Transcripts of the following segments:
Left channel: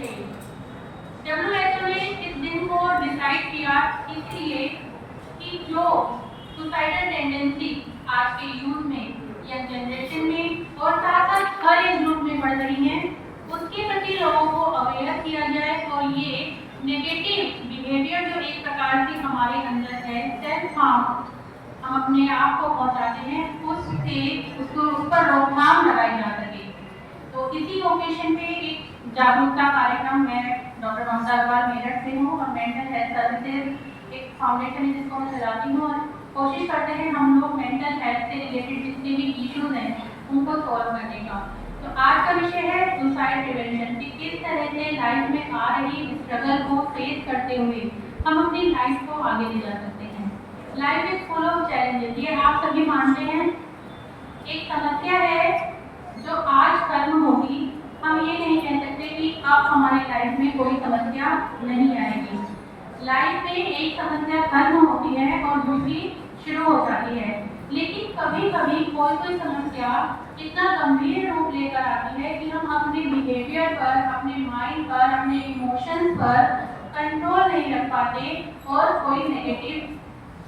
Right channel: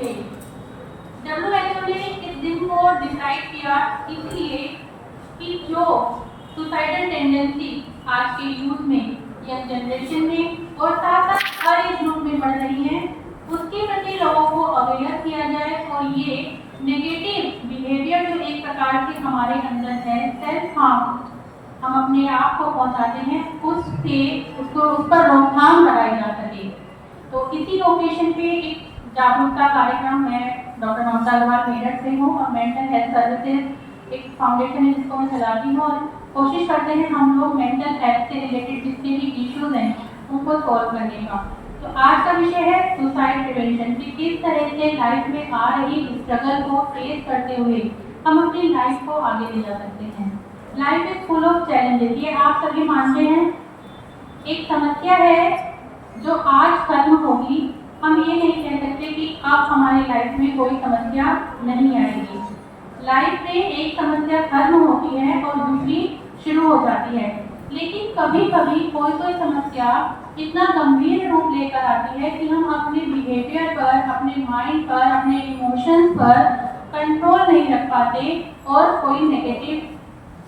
Day. WHO ने इस दिन को डिसाइड किया इसलिए कि जो सुसाइडल टेंडेंसी आज के यूथ में या जनरेशन में और साथ साथ हर एज ग्रुप में बढ़ रही है, उसके प्रति लोगों को अवेयर किया जाए और ये नेगेटिव बिहेवियर जो एक प्रकार से हमारे अंदर है, सेल्फ हार्म हम अपने आप को पहुंचाते हैं, उस पर रोकथाम लगाई जा सके। तो इसी ओकेजन पे एक जागरूकता कार्यक्रम मैं डॉक्टर ममता अग्रवाल मेरठ से हूँ और मेंटल हेल्थ सर्विसेज एक फाउंडेशन है जिसको मैं चलाती हूँ और कोशिश करते हैं हम लोग मेंटल हेल्थ से रिलेटेड जितने भी इश्यूज हैं उनको सॉल्व करने का। तो आज का विषय है सुसाइड प्रिवेंशन कि किस तरह से लाइफ में आ रही स्ट्रगल को फेस करते हुए हम अपनी लाइफ को आगे ले जा सकते हैं। Life is full of challenges, ये आप सभी मानते हैं। एक समस्या है जो आज खत्म होगी, हम ये नहीं कह सकते कि अब हमारी लाइफ में कोई समस्या नहीं आएगी। लाइफ में एक समस्या खत्म होती है और दूसरी शुरू हो जाती है, लेकिन कभी कभी कोई समस्या इतना गंभीर रूप लेकर आती है कि हम अपने बिहेवियर पर, अपने माइंड पर, अपने इमोशंस पर कंट्रोल नहीं रख पाते और कोई नेगेटिव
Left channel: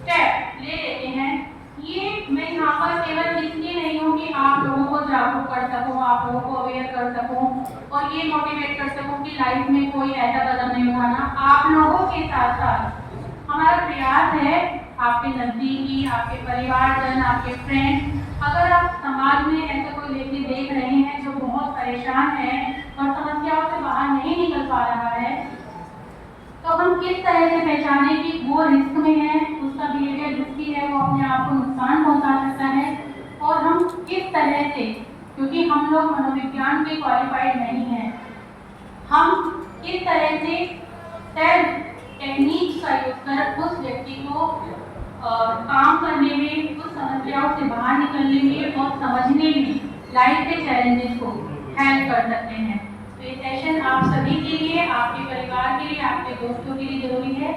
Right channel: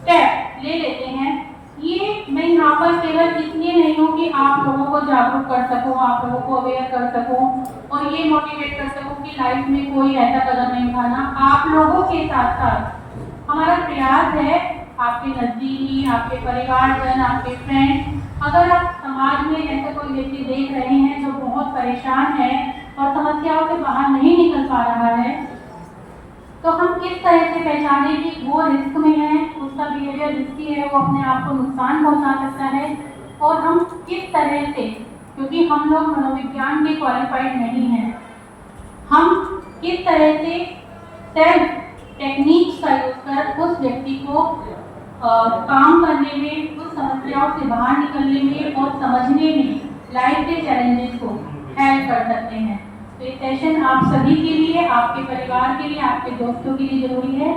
स्टेप ले लेते हैं। ये मैं यहाँ पर केवल इसलिए नहीं हूँ कि आप लोगों को जागरूक कर सकूँ, आप लोगों को अवेयर कर सकूँ और ये मोटिवेट कर सकूँ कि लाइफ में कोई ऐसा कदम नहीं उठाना। आप लोगों के साथ साथ हमारा प्रयास है, आपके नज़दीकी, आपके परिवारजन, आपके फ्रेंड, अगर आप समाज में ऐसा कोई व्यक्ति देख रहे हैं जो बहुत परेशान है और समस्याओं से बाहर नहीं निकल पा रहा है, तो हम किस तरह से पहचाने कि वो रिस्क में है, उसका बिहेवियर रिस्की है, वो अपने आप को नुकसान पहुंचा सकता है, और हम किस तरह से, क्योंकि हम लोग मनोविज्ञान के क्वालिफाइड नहीं हैं, हम किस तरह से सेल्फ टेक्निक्स का यूज कर उस व्यक्ति को काम करने में, उस समस्याओं से बाहर निकलने में और समझने में लाइफ के चैलेंजेस को हेल्प कर सकते हैं। तो ये सेशन आप सभी के लिए, आपके परिवार के लिए, आपके दोस्तों के लिए जरूरी है।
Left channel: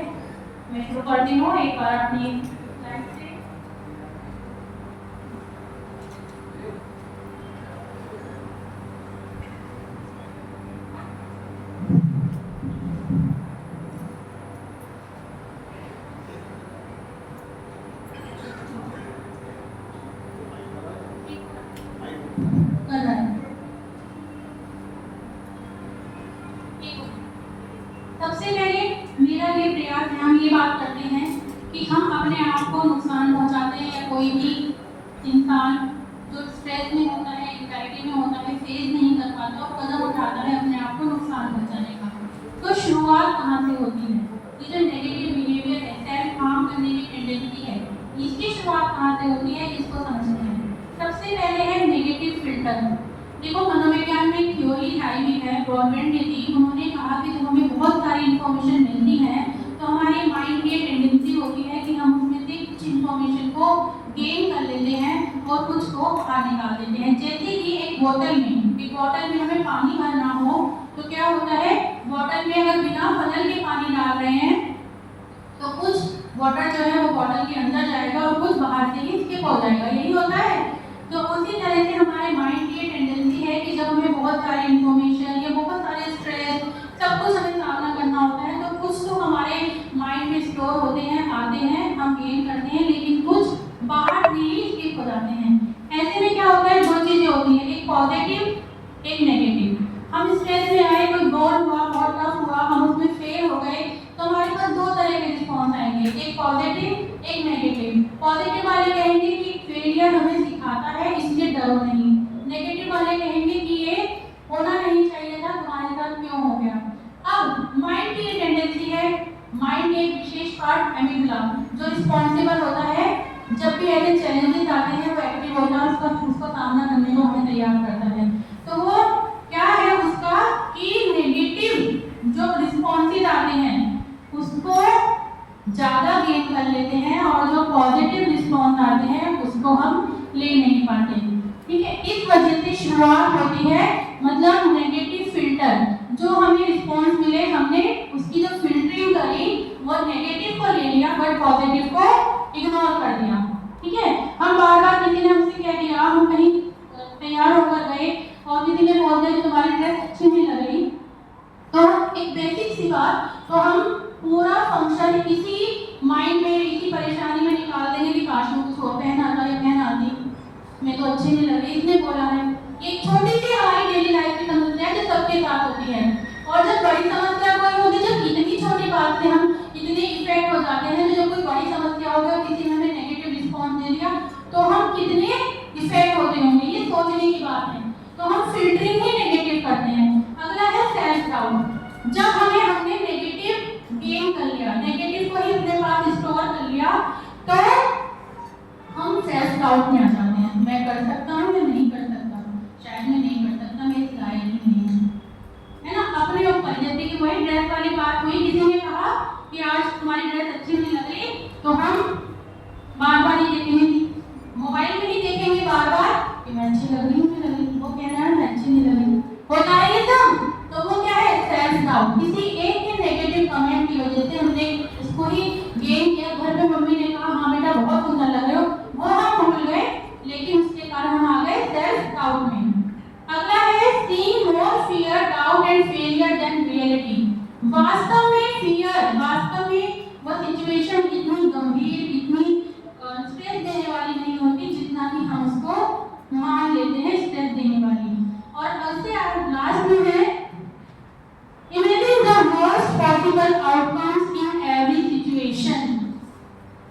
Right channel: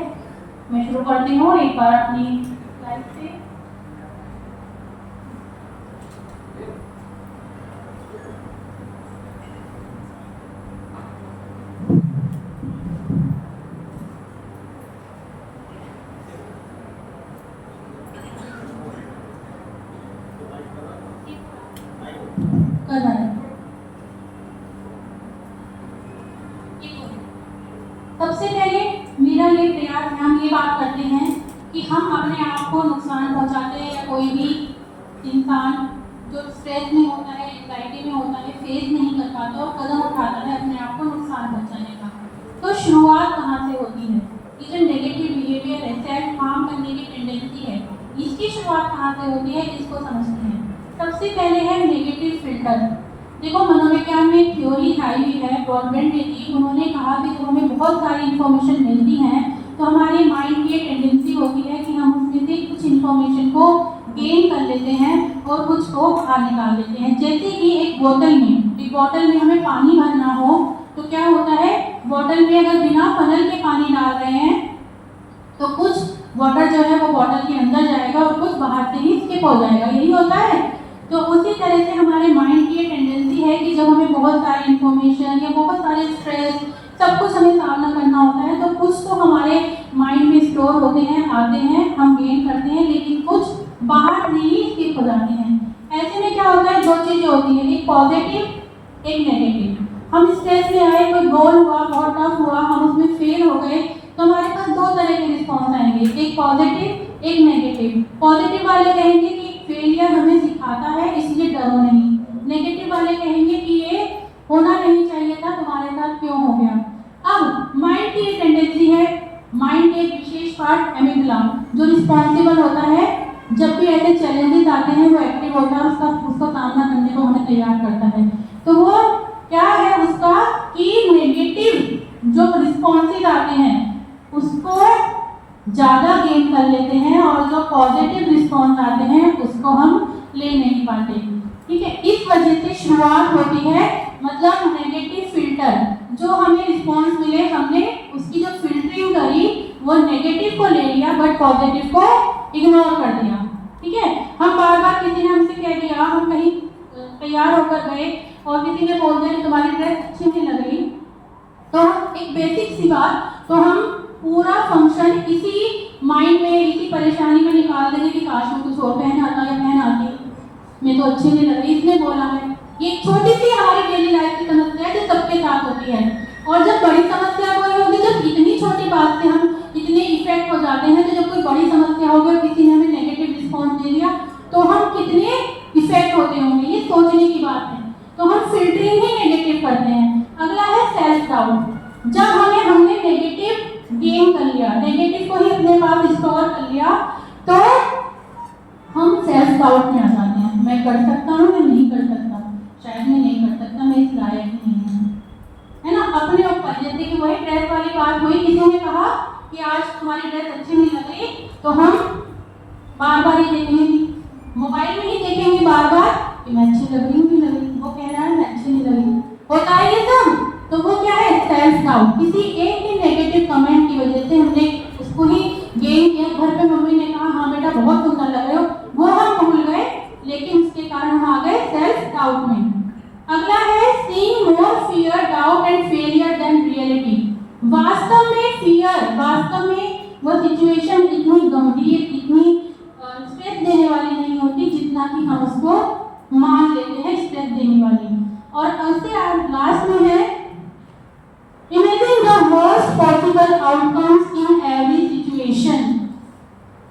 मैं शुरू करती हूँ एक बार अपनी स्लाइड से। सबसे पहले मेरा ये प्रयास है, हम ये बात करते हैं कि हम अपने आप को नुकसान पहुंचाते हैं, या कोई भी इंसान जो स्ट्रेस में होता है, एंजाइटी में होता है, फेस नहीं कर पाता और कदम उठाता है अपने आप को नुकसान पहुंचाने का, तो शुरुआत कहाँ से होती है? ये जो नेगेटिव बिहेवियर है, सेल्फ हार्म करने की टेंडेंसी है, इसकी शुरुआत कहाँ से होती है, इसको समझते हैं। सबसे पहले है नेगेटिव फिल्टर। देखो, मनोविज्ञान में थ्योरी आई हुई है, ब्रॉडबैंड ने दी, उन्होंने कहा कि जब हमें बहुत सारी इंफॉर्मेशन मिलती है तो हमारे माइंड की टेंडेंसी होती है कि हम उसमें से कुछ इंफॉर्मेशन को गेन कर लेते हैं और कुछ को बाहर निकाल देते हैं। जैसे कि एक बोतल में हमें पानी भरना हो तो क्या होता है, बोतल में अगर बिना फनल के पानी डाल रहे हैं तो कुछ वाटर जो है वो बोतल के अंदर जाएगा और कुछ बाहर से ही स्किप हो जाएगा, यही होता है। तो उसी तरह से हमारे माइंड की टेंडेंसी है कि जब हमें बहुत सारी इंफॉर्मेशन या बहुत सारे स्ट्रेस सब कुछ हमें सामना करना होता है, तो कुछ तो हमारे माइंड में स्टोर होते हैं, आते हैं, हम गेन करते हैं, लेकिन कुछ बाहर से ही स्किप हो जाते हैं। ऐसे में क्या होता है, दो चीजें होती है, एक पॉजिटिव एक नेगेटिव। हम स्ट्रेस में आए, कोई गोल हुआ, बहुत टफ हुआ, हम उसमें फेल हो गए, तो हमारे पास दो तरह के रिस्पॉन्स आएंगे, एक पॉजिटिव एक नेगेटिव। पॉजिटिव वाले कहेंगे कि फेलियर हमें सिखाता है इसलिए डरो नहीं, नेगेटिव वाले कहेंगे कि ये होना नहीं चाहिए था, तुम्हारे साथ क्यों हो गया। अब माइंड की टेंडेंसी है, माइंड के एक विशेष पार्ट एमिगडाला जो रिस्पॉन्सिबल होता है, जब भी ऐसे चैलेंजेस आते हैं वो एक्टिव होता है, उसको सामना करने को हमें तैयार करता है। तो वो क्या है उसका कि नेगेटिव जो रिस्पॉन्सेज आते हैं उसको ज़्यादा गेन कर लेते हैं और जो पॉजिटिव रिस्पॉन्स आते हैं उसको हम ले नहीं पाते। ठीक है, इस वजह से शुरुआत होती है, मतलब नेगेटिव फिल्टर, जो हमें रिस्पॉन्स मिले हमने उसकी जो फिल्टरिंग करी वो नेगेटिव को ले लिया बट पॉजिटिव को इग्नोर कर दिया। ठीक है, हम बार बार किसी ने हमसे कह दिया, हम कहीं तैयार होकर गए और किसी ने बोल दिया कि तुम्हारी ड्रेस अच्छी नहीं लग रही, तो बेसिक सी बात, तो हम पूरा फंक्शन इसी माइंड में, इसी परेशानी में निकाल देंगे कि काश में कुछ और पहन आता या पहन आती, मैं तो अच्छी नहीं लग रही, इसने बोला है। ये एक छोटी सी हमारी डेली लाइफ की समस्या है जो सबके साथ होती है। और जब बड़ी समस्या कोई होगी, जब इतनी छोटी बात से हम इतने इफेक्ट हो जाते हैं, तो जब कोई बड़ी समस्या होगी, किसी ने हमें नेगेटिव रिस्पॉन्स दे दिया, तो हम कितने इफेक्ट होते होंगे, ये सोचने की बात है। तो हम फिल्टरिंग ही नेगेटिव करते हैं। अगला है सेल्फ डाउट। जब हमने नेगेटिव गेन कर लिया, नेगेटिव को ही अपने पास स्टोर कर लिया, तो हम सेल्फ डाउट में आ जाते हैं। मैं कर सकता हूँ या नहीं कर सकता, शायद मैं नहीं कर सकता, मैं इस लायक ही नहीं हूँ, है ना। अपने ऊपर, जैसे कि वही ड्रेस वाली बात हुई, किसी ने कहा कि आज तुम्हारी ड्रेस अच्छी नहीं लग रही, तो हम बार बार ही देखेंगे, मोबाइल में ही देखेंगे बार बार कि मैं अच्छी लग रही हूँ नहीं लग रही, वो कह रहा है मैं अच्छी नहीं लग रही, होता है ये सब। तो वो क्या है, सेल्फ डाउट। किसी एक के नेगेटिव कमेंट की वजह से हमने इसको ही गेन किया। घर पे मम्मी ने कहा हाँ बेटा बहुत सुंदर लग रहे हो, वो हम भूल गए, लेकिन उसके कारण हम आ गए सेल्फ डाउट में। अगला है seeing more fear, doubt and failure then reality. वास्तव में फियर, वास्तव में वो सिचुएशन इतनी गंभीर, इतनी स्ट्रेस देने वाली नहीं होती जितना कि हम उसको मान लेते हैं स्ट्रेस देने वाली। और उससे लास्ट में है imagine the worst possible outcomes in every situation.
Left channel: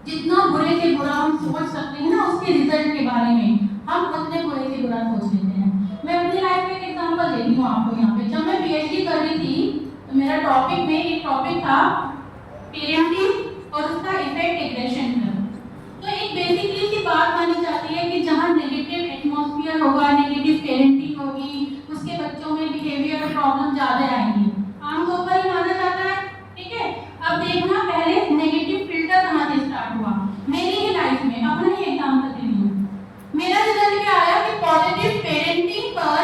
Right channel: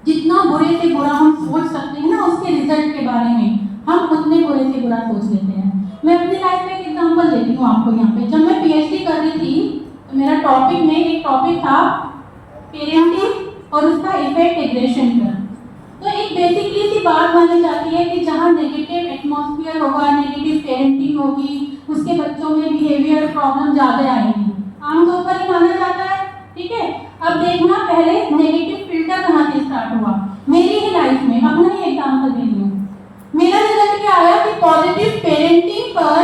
जितना बुरे से बुरा हम सोच सकते हैं ना उसके रिजल्ट के बारे में, हम उतने बुरे से बुरा सोच लेते हैं। मैं अपनी लाइफ में एक एग्जांपल देती हूँ आपको यहाँ पे। जब मैं पीएचडी कर रही थी, तो मेरा टॉपिक में एक टॉपिक था पेरेंटिंग और उसका इफेक्ट एग्रेशन का। तो एक बेसिकली सी बात मानी जाती है कि जहाँ नेगेटिव एटमॉस्फेयर होगा, नेगेटिव पेरेंटिंग होगी, उसके बच्चों में बिहेवियर प्रॉब्लम ज़्यादा आएंगी, आमतौर पर ही माना जाता है। ठीक है, अब देखना पहले नेगेटिव फिल्टर कहाँ से स्टार्ट हुआ। मेरी ही लाइफ में अपना ही एग्जाम्पल दे दूँ, मेरा रिजल्ट क्या आया कि पॉजिटिव पेरेंटिंग पर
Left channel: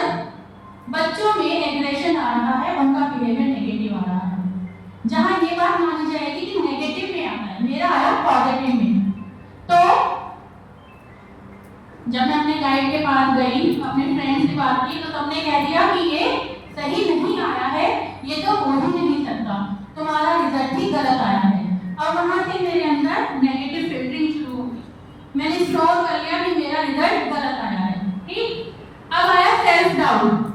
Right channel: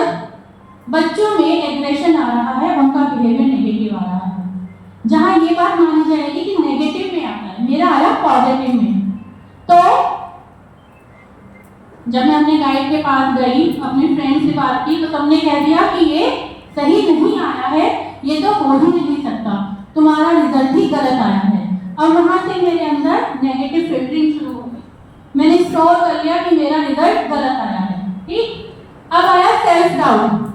बच्चों में एग्रेशन आ रहा है, उनका बिहेवियर नेगेटिव आ रहा है। जहाँ ये बात मानी जाएगी कि नेगेटिव में आता है, मेरा आया पॉजिटिव में। तो जब मैं अपने गाइड के पास गई, अपने फ्रेंड से बात की, तो सबने कह दिया कि ये सही नहीं आया है, ये तो हो ही नहीं सकता, तुम्हारा रिजल्ट ही गलत आया है। और वहां से मेरे अंदर नेगेटिव फिल्टरिंग शुरू हो गई, मैंने स्टोर कर लिया कि मेरा रिजल्ट गलत आया है। ठीक, अब आया सेल्फ डाउट।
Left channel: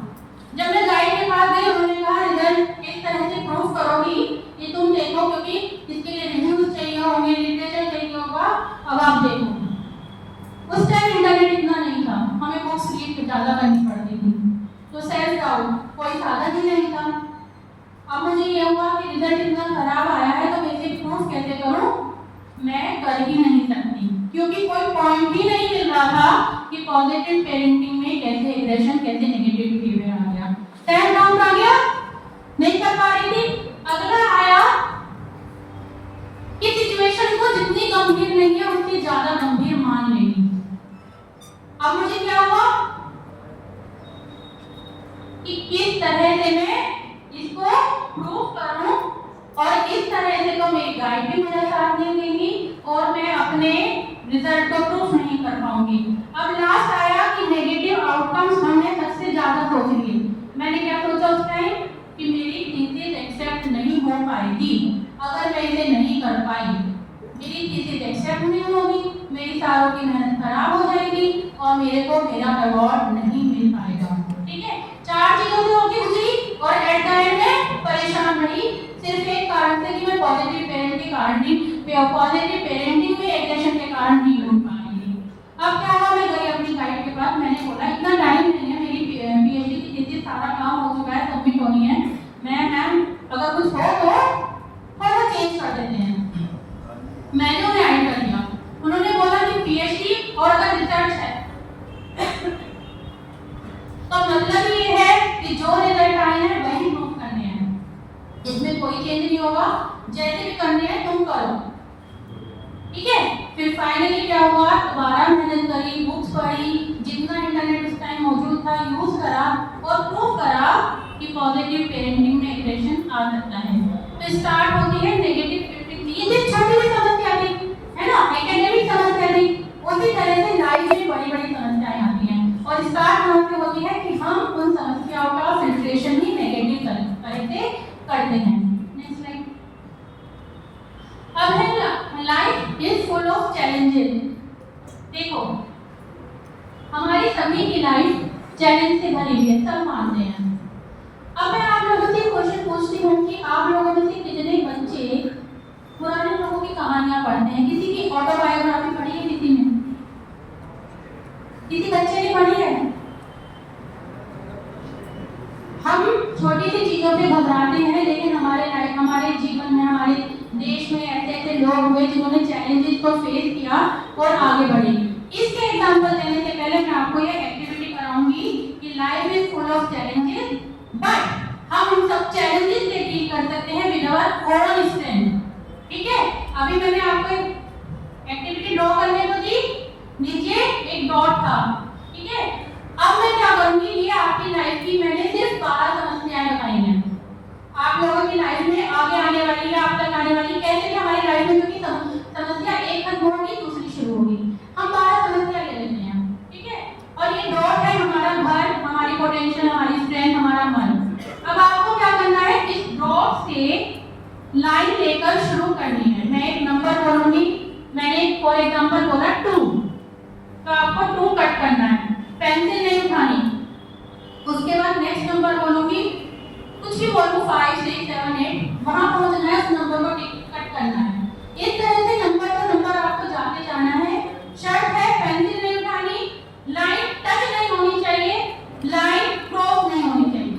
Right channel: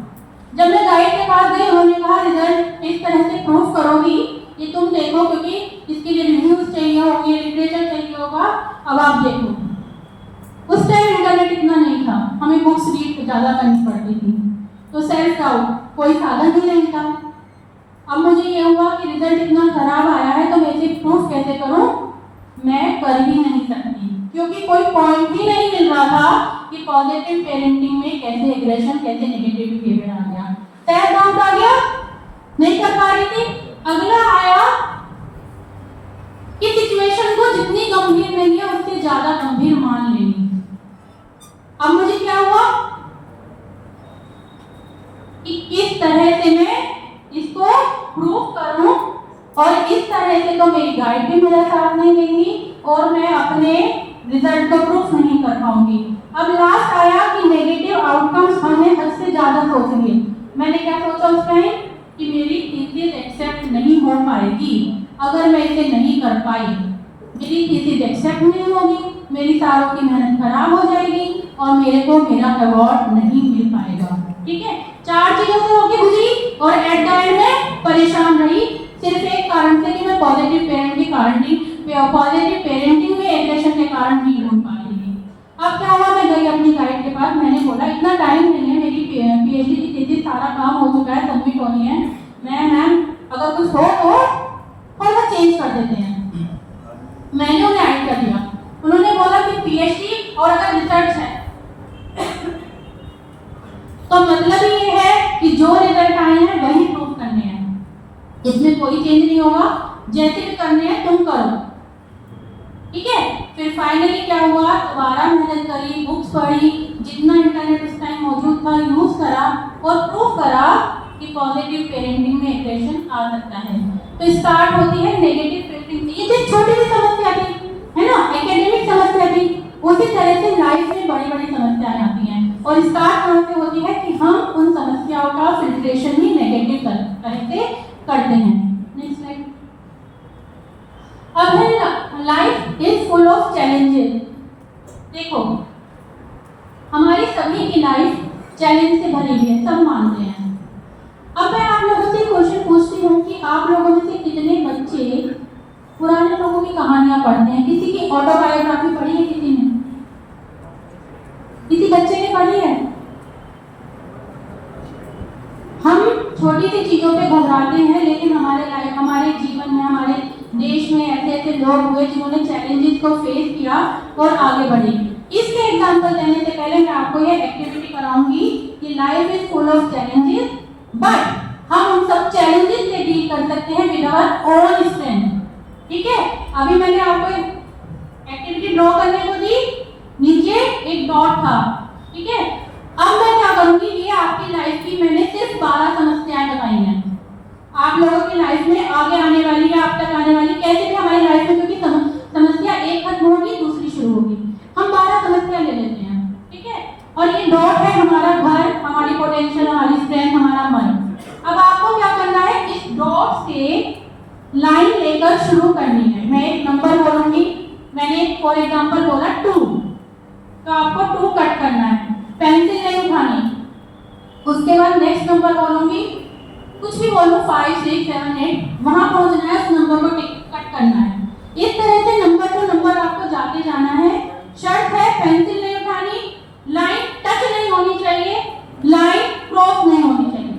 जब मैं गाइड के पास गई, उन्होंने कहा रिजल्ट किस तरह से प्रूफ करोगी, ये तुम देखो, क्योंकि इसके लिए रिव्यूज चाहिए होंगे, लिटरेचर चाहिए होगा, अब आप देखो। उस टाइम इंटरनेट इतना नहीं था, हमें बुक्स रीड ज़्यादा करनी पड़ती थी, तो सेल्फ डाउट कोई साधन ही नहीं था। अब मुझे ये हुआ कि रिजल्ट इतना खराब आया है, तो मैं इसे प्रूफ कैसे करूं, मैं कर ही नहीं सकती, क्योंकि कोई पॉइंट ही नहीं मिल रहा था कि पॉजिटिव पेरेंटिंग में कैसे एग्रेशन, कैसे नेगेटिव बिहेवियर आ गया, सेल्फ डाउट आ गया, नहीं कर पा रही थी। अगला आया कि सिचुएशन को जितनी गंभीर नहीं है उससे ज्यादा गंभीर मान लेनी। अब मुझे क्या हुआ कि किस तरह से मैं इसको प्रूफ करूं, और इस तरह से तो मेरी गाइड भी मेरा साथ नहीं देंगी और मैं अपने रिजल्ट को प्रूफ नहीं कर पाऊंगी। अब लास्ट आया कि नेगेटिव आउटकम्स हमने हद से ज्यादा सोच लिए। मैंने क्या सोचा उस टाइम कि मेरी थीसिस एक्सेप्ट नहीं हो पाएगी, अगर मैं इसे नहीं कर पाई, मेरी थीसिस एक्सेप्ट नहीं होगी, मेरी सालों की मेहनत खराब हो जाएगी और मेरे को मेरा अवार्ड नहीं मिल पाएगा। ठीक है, 4 चीजों से होके गुजरी और एट द एंड में परेशान रही, सिर्फ एक कारण से कि मैं पॉजिटिव पेरेंटिंग में एग्रेशन के कारण नहीं हो पा रही थी। अब क्या हुआ, मैं गई अपनी गाइड के पास, मैंने बोला इतना टाइम नहीं है, मेरी पीएचडी की थीसिस सारा काम हो चुका है, सबमिट होनी है, मैम अगर कुछ हो तो थोड़ा चेंज कर देते हैं। मैंने उन्हें ऐड कर दिया, उन्होंने बोला कि पीएचडी और अगर रिसर्च है तो मतलब ये है कि जो रिजल्ट आए हैं वही प्रूव करने हैं, इसमें कोई चेंज नहीं होगा, जैसे भी करने हैं तुम करो। ठीक है, फिर फाइनली क्या हुआ, दोबारा मेहनत करी, बुक्स पढ़ी, जितना इंटरनेट उस टाइम मौजूद था यूज करा और प्रूव करा कि पॉजिटिव पेरेंटिंग में एग्रेशन आ सकता है। तो स्टार्ट होती है नेगेटिव फिल्टरिंग। ये जो छोटी सी समस्या थी, है ना, एकेडमिक समस्या थी, उसी तरह से लाइफ में बड़ी बड़ी समस्याएं आती हैं और स्टार्ट कहाँ से होती है कि हम उन समस्याओं का फिल्ट्रेशन ही नेगेटिव तरह से से करते हैं। Next slide. अब है life is full of challenges. देखो हमारी सभी की लाइफ चैलेंज से भरी हुई है, सब मानते हैं। अब मैं आप लोगों से क्वेश्चन पूछती हूँ कि आप लोगों में से कितने बच्चे पुराने लोगों की कहानियां पढ़ते हैं? किसी की ऑटोबायोग्राफी पढ़ी है? किसी ने, किसी बच्चे ने पढ़ी है? हम छोटी सी चीजों पे घबराते हैं, लेकिन हमारे जीवन में, हमारे देश में ऐसे ऐसे लोग हुए जिन्होंने चैलेंजेस को फेस किया और आगे बढ़े। इसके एग्जांपल देने से पहले मैं आपको ये एक्टिविटी कराऊंगी कि life is full of challenges, but हम उन सब चैलेंजेस से डील कर सकते हैं विद आवर ओन स्ट्रेंथ। ठीक है, अभी मैंने आपको एक्टिविटी ड्रॉ करने को दी, नीचे एक डॉट था। ठीक है, अब मैं क्या करूंगी, ये आपकी लाइफ की मैंने सिर्फ 12 समस्याएं बताई हैं। आप लोगों की लाइफ में आगे आने वाली या अब तक आने वाली कैसे भी हमारी लाइफ में, क्योंकि समस्या एक खत्म होगी दूसरी शुरू होगी, हम 12 समस्या ले लेते हैं। ठीक है, और ये डॉट है हमारा घर, हमारी पोटेंशियल, हमारी स्ट्रेंथ, हमारा मन। अब आपको क्या करना है, इस डॉट से लाइन लेकर शुरू करनी है। मैं एक नंबर बोलूंगी, मैंने फॉर एग्जांपल बोला 2, तो आपको 2 कट करना है, पेंसिल नहीं उठानी। उसके बाद नेक्स्ट नंबर बोलूंगी, कुछ भी बोलूं 5, 6, 7, 8, वहां पहुंचना है, उस नंबर को कट करना है। इस तरह से नंबर से नंबर आपको जाते जाना है। शर्त है पेंसिल नहीं उठानी, लाइन टच नहीं होनी चाहिए, लाइन क्रॉस नहीं होनी चाहिए।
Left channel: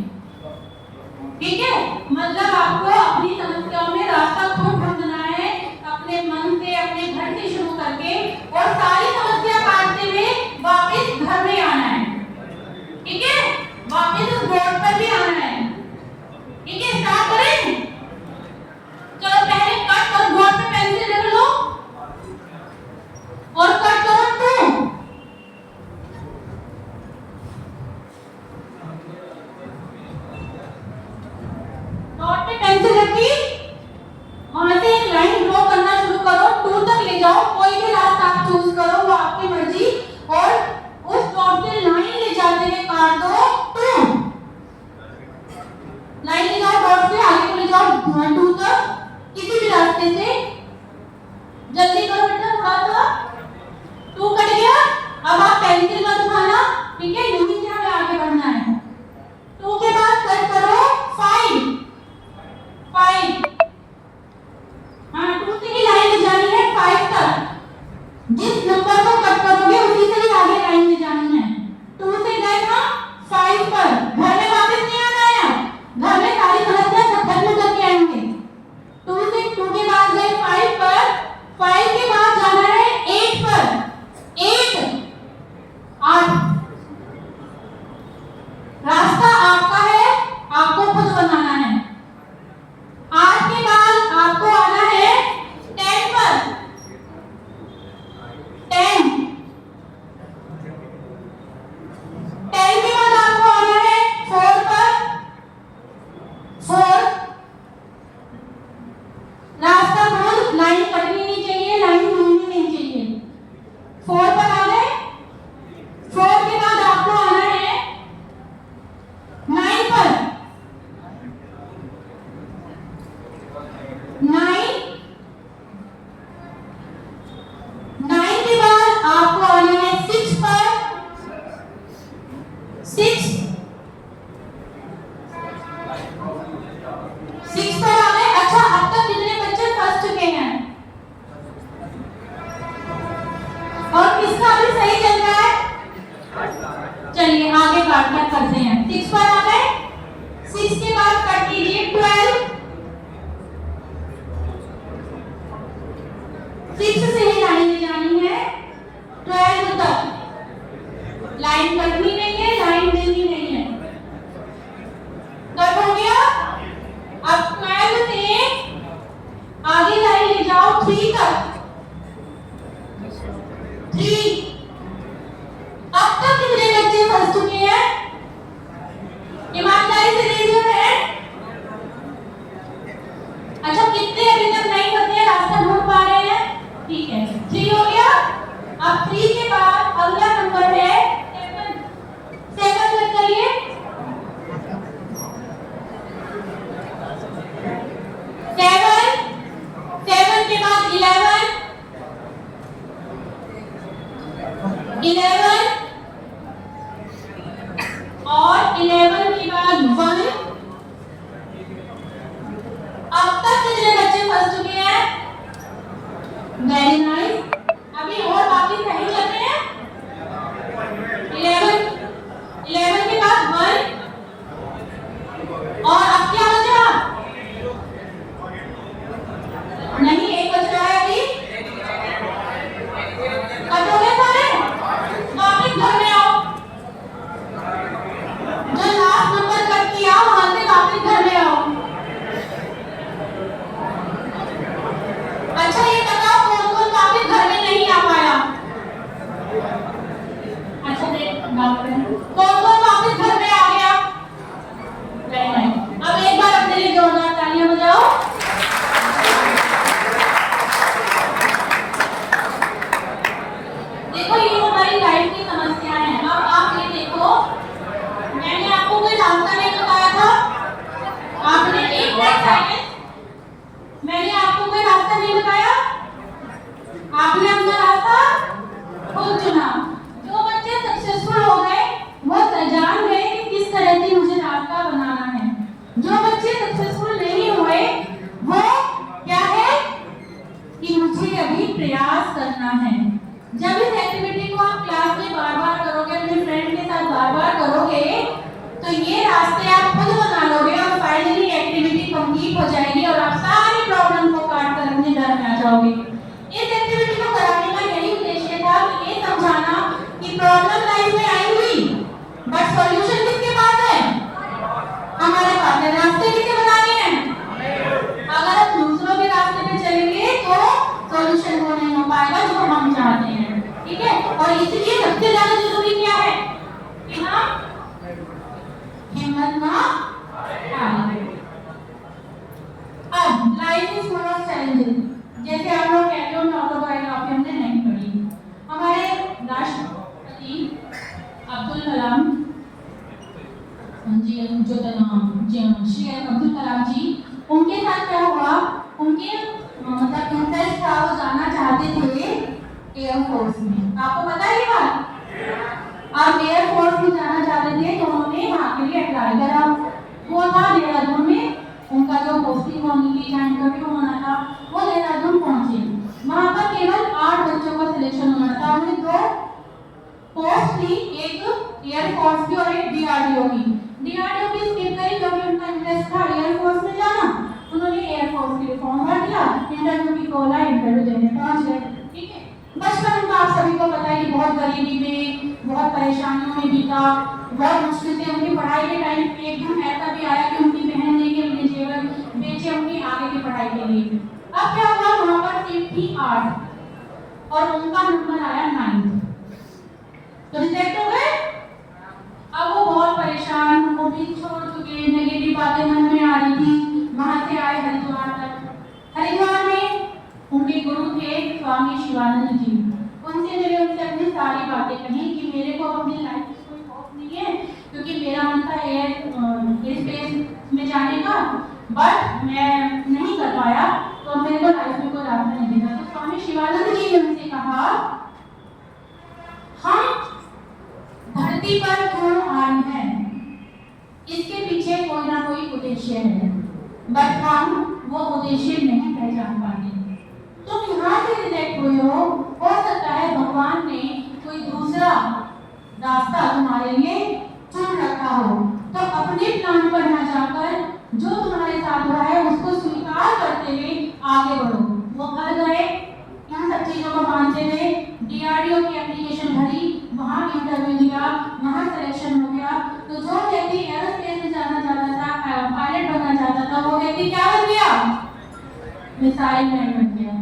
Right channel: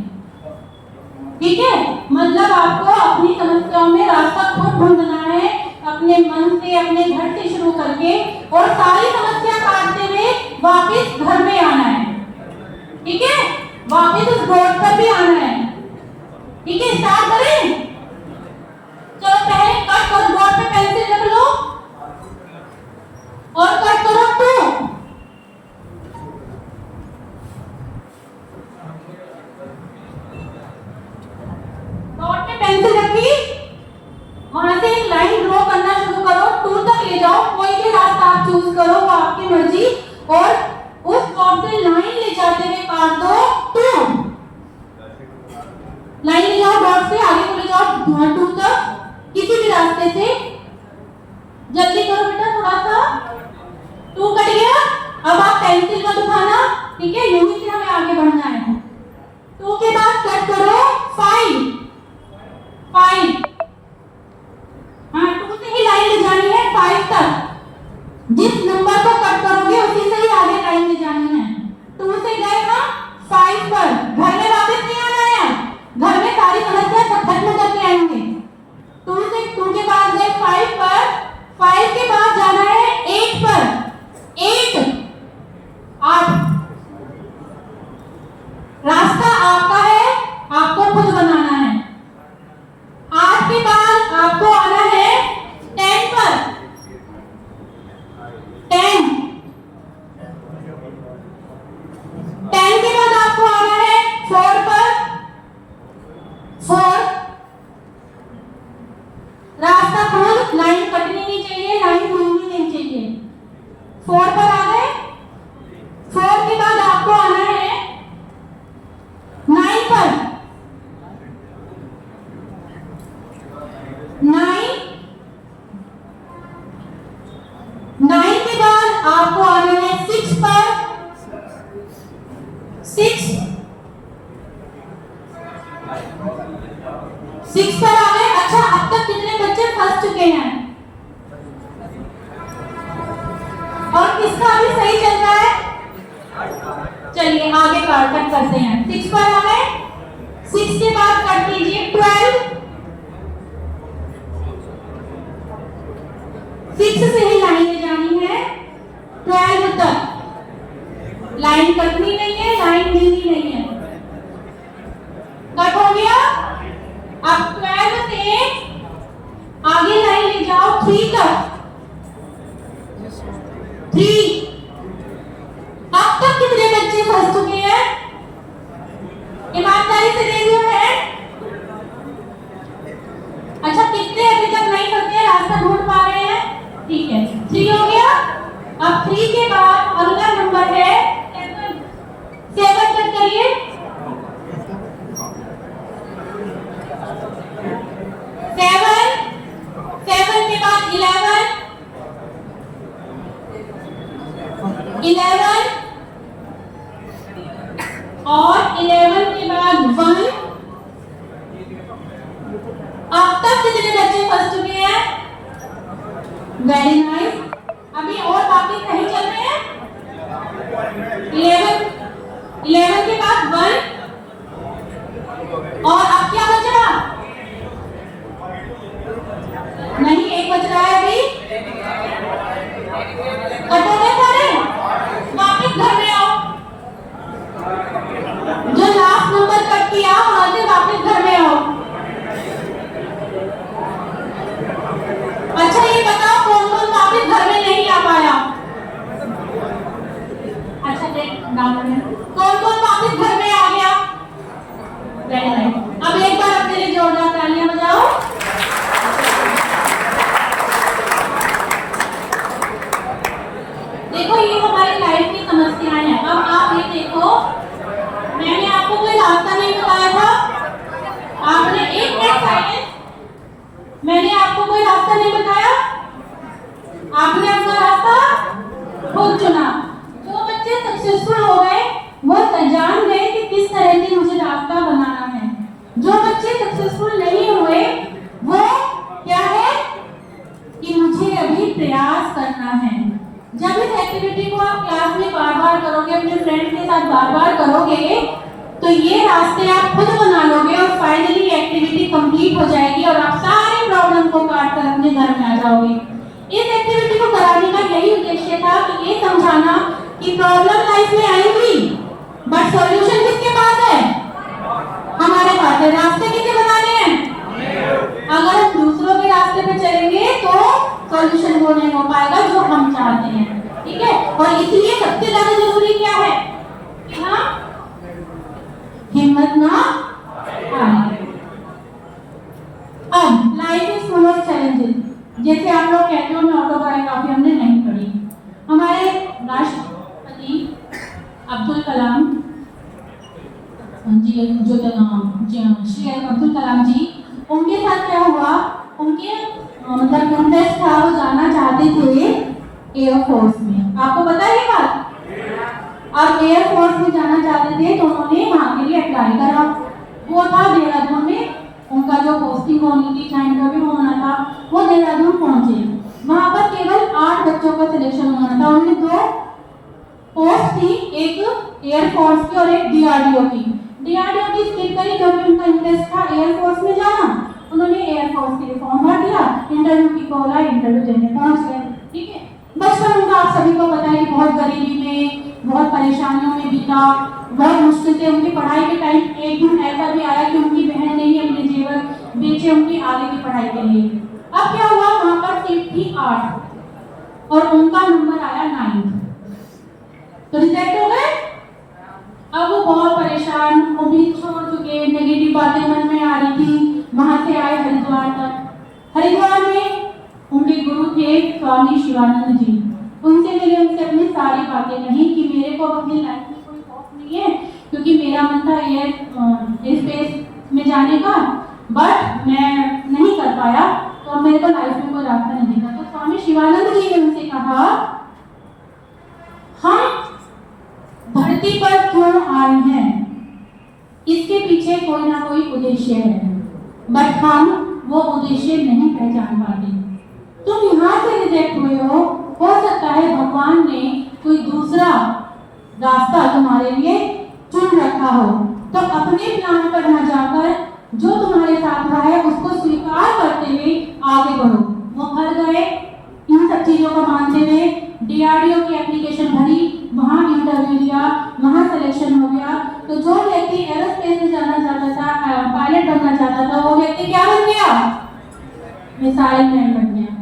ठीक है, मतलब आपको अपनी समस्याओं में रास्ता खुद ढूंढना है, अपने मन से, अपने घर से शुरू करके, और सारी समस्या काटते हुए वापस घर में आना है। ठीक है, वापस उस बोर्ड पर भी आना है। ठीक है, स्टार्ट करें। चलो पहले कट करो, बोर्ड पे पेंसिल रख लो और कट करो 2। डॉट पे पेंसिल रखी, वहां से एक लाइन ड्रॉ करना शुरू करो, 2 तक ले जाओ, कोई भी रास्ता आप चूज करो, वो आपकी मर्जी, और उस डॉट से लाइन ले जाते हुए काट दो 2। लाइन ले जाओ, डॉट से आगे को ले जाओ 2 तक, किसी भी रास्ते से। जल्दी करो बेटा थोड़ा सा। 2 कट गया, अब आप पेंसिल मत उठाना। ठीक है, यूं ही हमें आगे बढ़ना है। 2 के बाद कट करो 5। हाँ, 2 से ही लाइन ले जानी है 5 तक। जिस नंबर को कट करोगे उसी से ही आगे लाइन ले जानी है। 2 से गए हम 5 पर, घर में वापस नहीं आना है, घर में सारी समस्या सब खत्म करके आएंगे। 2 के बाद गए 5 पर, 5 के बाद जाना है 8 पर। 8 रास्ता आपका है, आपको खुद बनाना है। 8 के बाद आपको आना है 10 पर। 10 के बाद आपको आना है 4 पर। 4 रास्ता खुद, लाइन कटनी नहीं चाहिए, लाइन खुलनी नहीं चाहिए। 4 पर आ गए। 4 के बाद आपको आना है 9 पर। 9 के बाद आपको आना है 6 पर। 6 पर आ गए। अच्छा, अब तक कितने बच्चे फंस चुके हैं और किसका अभी सही चल रहा है? चलिए आगे कट करते हैं। 6 पर आ गए, 6 के बाद कट कीजिए 12। 6 से ही लाइन ले जानी है 12 तक, लाइन कटनी नहीं है, लाइन देनी नहीं है। कट हो गया। अब 12 से आगे लाइन ले जाओ 3 तक। 3 अब तक कितने बच्चे फंस चुके हैं? ईमानदारी से रेज़ योर हैंड। अच्छा, कितने अभी तक नहीं फंसे, रास्ता ढूंढ पा रहे हैं? ठीक है, 3 हो गया। अब 3 के बाद अगला नंबर है 7। 7 कट करिए। 11 और 11 के बाद 1। अब तक कितने बच्चे फंस चुके हैं? Very nice. अभी और बाकी सही चल रहे हैं। 11 के बाद 1 और अब क्या बचा? नहीं, एक बच रहा है अभी। कटोगे सारे? वापस घर में आओ। जो लास्ट नंबर कट किया वहां से वापस घर में आओ। अच्छा, ये बताओ कौन कौन वापस घर में नहीं आ पाया? अच्छा, कौन कौन वापस घर में आ गया? अब एक बार अपने लिए जोरदार तालियां बजाओ। देखो, ये हमारी लाइफ की समस्याएं हैं। अब आप ये देखो, मैंने आपको कोई रास्ता नहीं बताया था। आपने एक मिनट साइलेंस। मैंने आपको कोई रास्ता नहीं बताया। आपने अपना रास्ता खुद चुना। जो बच्चे सक्सेसफुल हो गए वो जान गए कि किस तरह से मुझे रास्ता बनाना है। जो बच्चे सक्सेसफुल नहीं हुए वो क्या है कि मुझे अभी प्रयास करना है। जब इस एक्टिविटी को आप क्लास में बार-बार करोगे, अपने फ्रेंड के साथ बार-बार करोगे, तो ये रास्ते आप खुद बना लोगे और फाइनली एक्टिविटी कंप्लीट हो जाएगी और आप सारे प्रॉब्लम को काट कर अपने घर में आ जाओगे। इस एक्टिविटी को कराने का यही उद्देश्य था कि ये समझाना कि प्रॉब्लम लाइफ में आएंगी, बट सॉल्यूशन किसके पास है? हमारे पास है। रास्ते किसके बनाने हैं? अगर हम दूसरों के रास्ते पे चलेंगे तो सॉल्यूशन वो नहीं हो पाएगा जो हम चाहते हैं। ठीक है? और इसलिए सबसे ज्यादा जरूरी क्या है? हाँ, हिम्मत ना हारें। अब life is full of challenges. जैसे आप लोग कहते हो, मैं ऑटोबायोग्राफी हमने नहीं पढ़ी। हमारे राष्ट्रपति अब्दुल कलाम जी, श्री अब्दुल कलाम जी, उनके साथ क्या हुआ? उनके मतलब इंटरेस्ट था, वो जाना चाहते थे एयरफोर्स में। आपको पता है ये बात? अब एयरफोर्स में जाना चाहते थे तो उन्होंने वहाँ के लिए अप्लाई करा। वो था देहरादून में, उनका जो पोस्टिंग होनी थी, चाहे इंटरव्यू होना था, वो देहरादून पहुंचे। वहाँ पर केवल 8 बच्चों का सिलेक्शन होना था। उन्हें 2 पोस्ट थी, एक एयरफोर्स की और एक डीआरडीओ की। डीआरडीओ की स्किप करी क्योंकि उनका इंटरेस्ट था एयरफोर्स में जाना। उन्होंने एयरफोर्स के लिए फॉर्म भर दिया, इंटरव्यू की कॉल आई, इंटरव्यू देने पहुंच गए। ठीक है? बचपन उनका आप सभी को पता है कि बहुत गरीबी में, बहुत परेशानियों में बीता, बहुत मुश्किल से। उनकी पढ़ाई के टाइम एक दिन ऐसा भी आया कि उनकी बहन ने ही अपने जेवर बेचे उनकी आगे की पढ़ाई के लिए। अब क्या हुआ? वहां पर सीट थी 8 और उनका नंबर आया 9, तो रिजेक्ट हो गए। अब वो बहुत परेशान, उम्मीद छोड़ चुके, नेगेटिव बातें मन में आ रही थी। वहां से आए हरिद्वार तक। हरिद्वार में उनके गुरु थे स्वामी शिवानंद जी। उनसे मिले, उनसे अपनी सारी बातें कही कि मेरे को अपनी लाइफ में कोई खौफ नहीं है, क्योंकि मेरा मन था एयर स्पेस में जाने का, बट मैं नहीं कर पाया, तो मेरे को लाइफ में कोई रास्ता नहीं दिखा। तो स्वामी शिवानंद जी ने उनसे कहा, हम धरती पर क्यों आए हैं, इसके पीछे कोई ना कोई उद्देश्य है, बट हम वो उद्देश्य नहीं पहचान पाते। तुम यहाँ से रिजेक्ट हुए हो सकता है भगवान ने कोई दूसरा रास्ता तुम्हारे लिए चुन रखा हो। तो अपने प्लान पर न जाकर जो तुम्हारे साथ हुआ है उसको स्वीकार करते हुए आगे बढ़ो। वो घर गए, इन सब चीजों को मानते हुए डीआरडीओ की एप्लीकेशन भरी, वहाँ इंटरव्यू दिया, वहाँ सिलेक्शन हो गया। तो जो व्यक्ति एरोस्पेस में जाना चाहता था, पायलट बनना चाहता था, वो व्यक्ति क्या बन गया? मिसाइल मैन बन गया।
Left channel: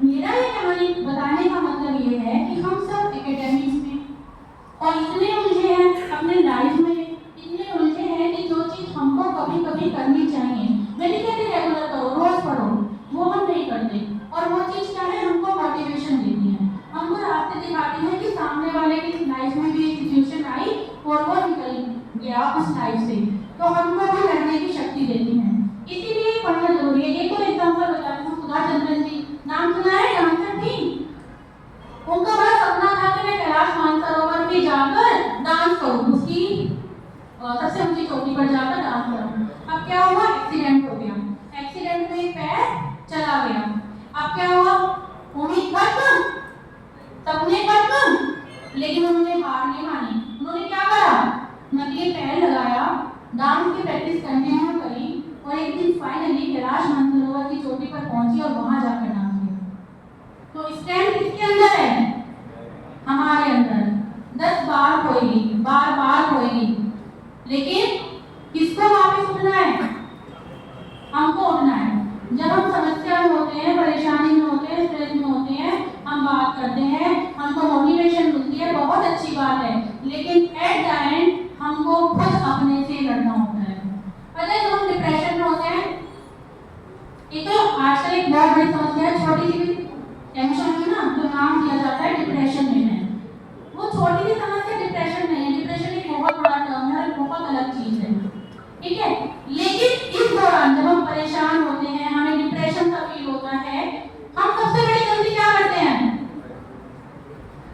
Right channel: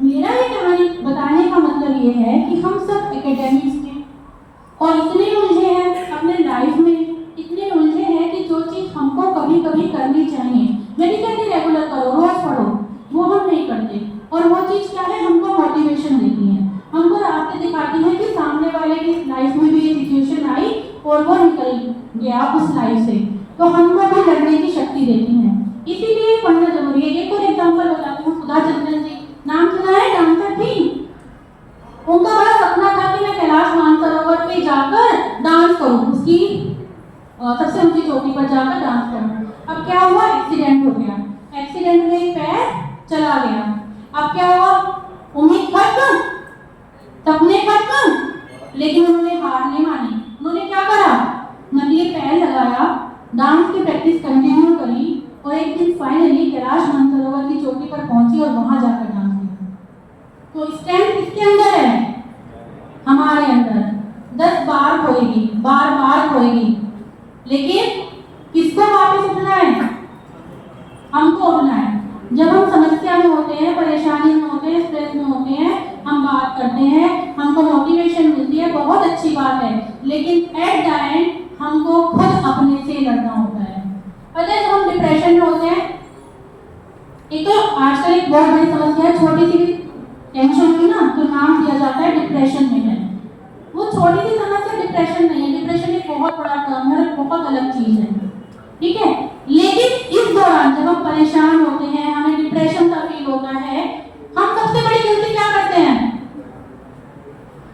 मेरा ये कहानी बताने का मतलब ये है कि हम सब एकेडमिक्स में और इतने उलझे हैं अपने लाइफ में, इतने उलझे हैं कि जो चीज़ हमको कभी कभी करनी चाहिए, मैं नहीं कहती रेगुलर करो, रोज पढ़ो, वो हम नहीं करते। और वो चीज़ क्या है? हमको मोटिवेशन देती है, हमको रास्ते दिखाती है कि सामने वाले की लाइफ में भी सिचुएशन आई और वो निकल गया उस लाइफ से, तो हमको भी लड़ने की शक्ति देती है। इसीलिए पढ़ना जरूरी है। एक और एग्जाम्पल बताती हूँ, सुधा चंद्रन जी, नाम सुना है? डांसर थी। उनका बड़ा सपना था कि मैं कैलाश एक तो आजकल एक बहुत बड़ी समस्या है, छोटी सी भी टेंशन हुई ना तो नाम दिया जाता है डिप्रेशन में है। वो छोटी सी समस्या डिप्रेशन नहीं है, डिप्रेशन एक बहुत बड़ा टर्म है, बहुत अलग चीज है, ठीक है। लेकिन इस दौरान जब हम परेशान होते हैं, हमें डिप्रेशन का फील होता है, हम सबसे बड़ी गलती क्या करते हैं?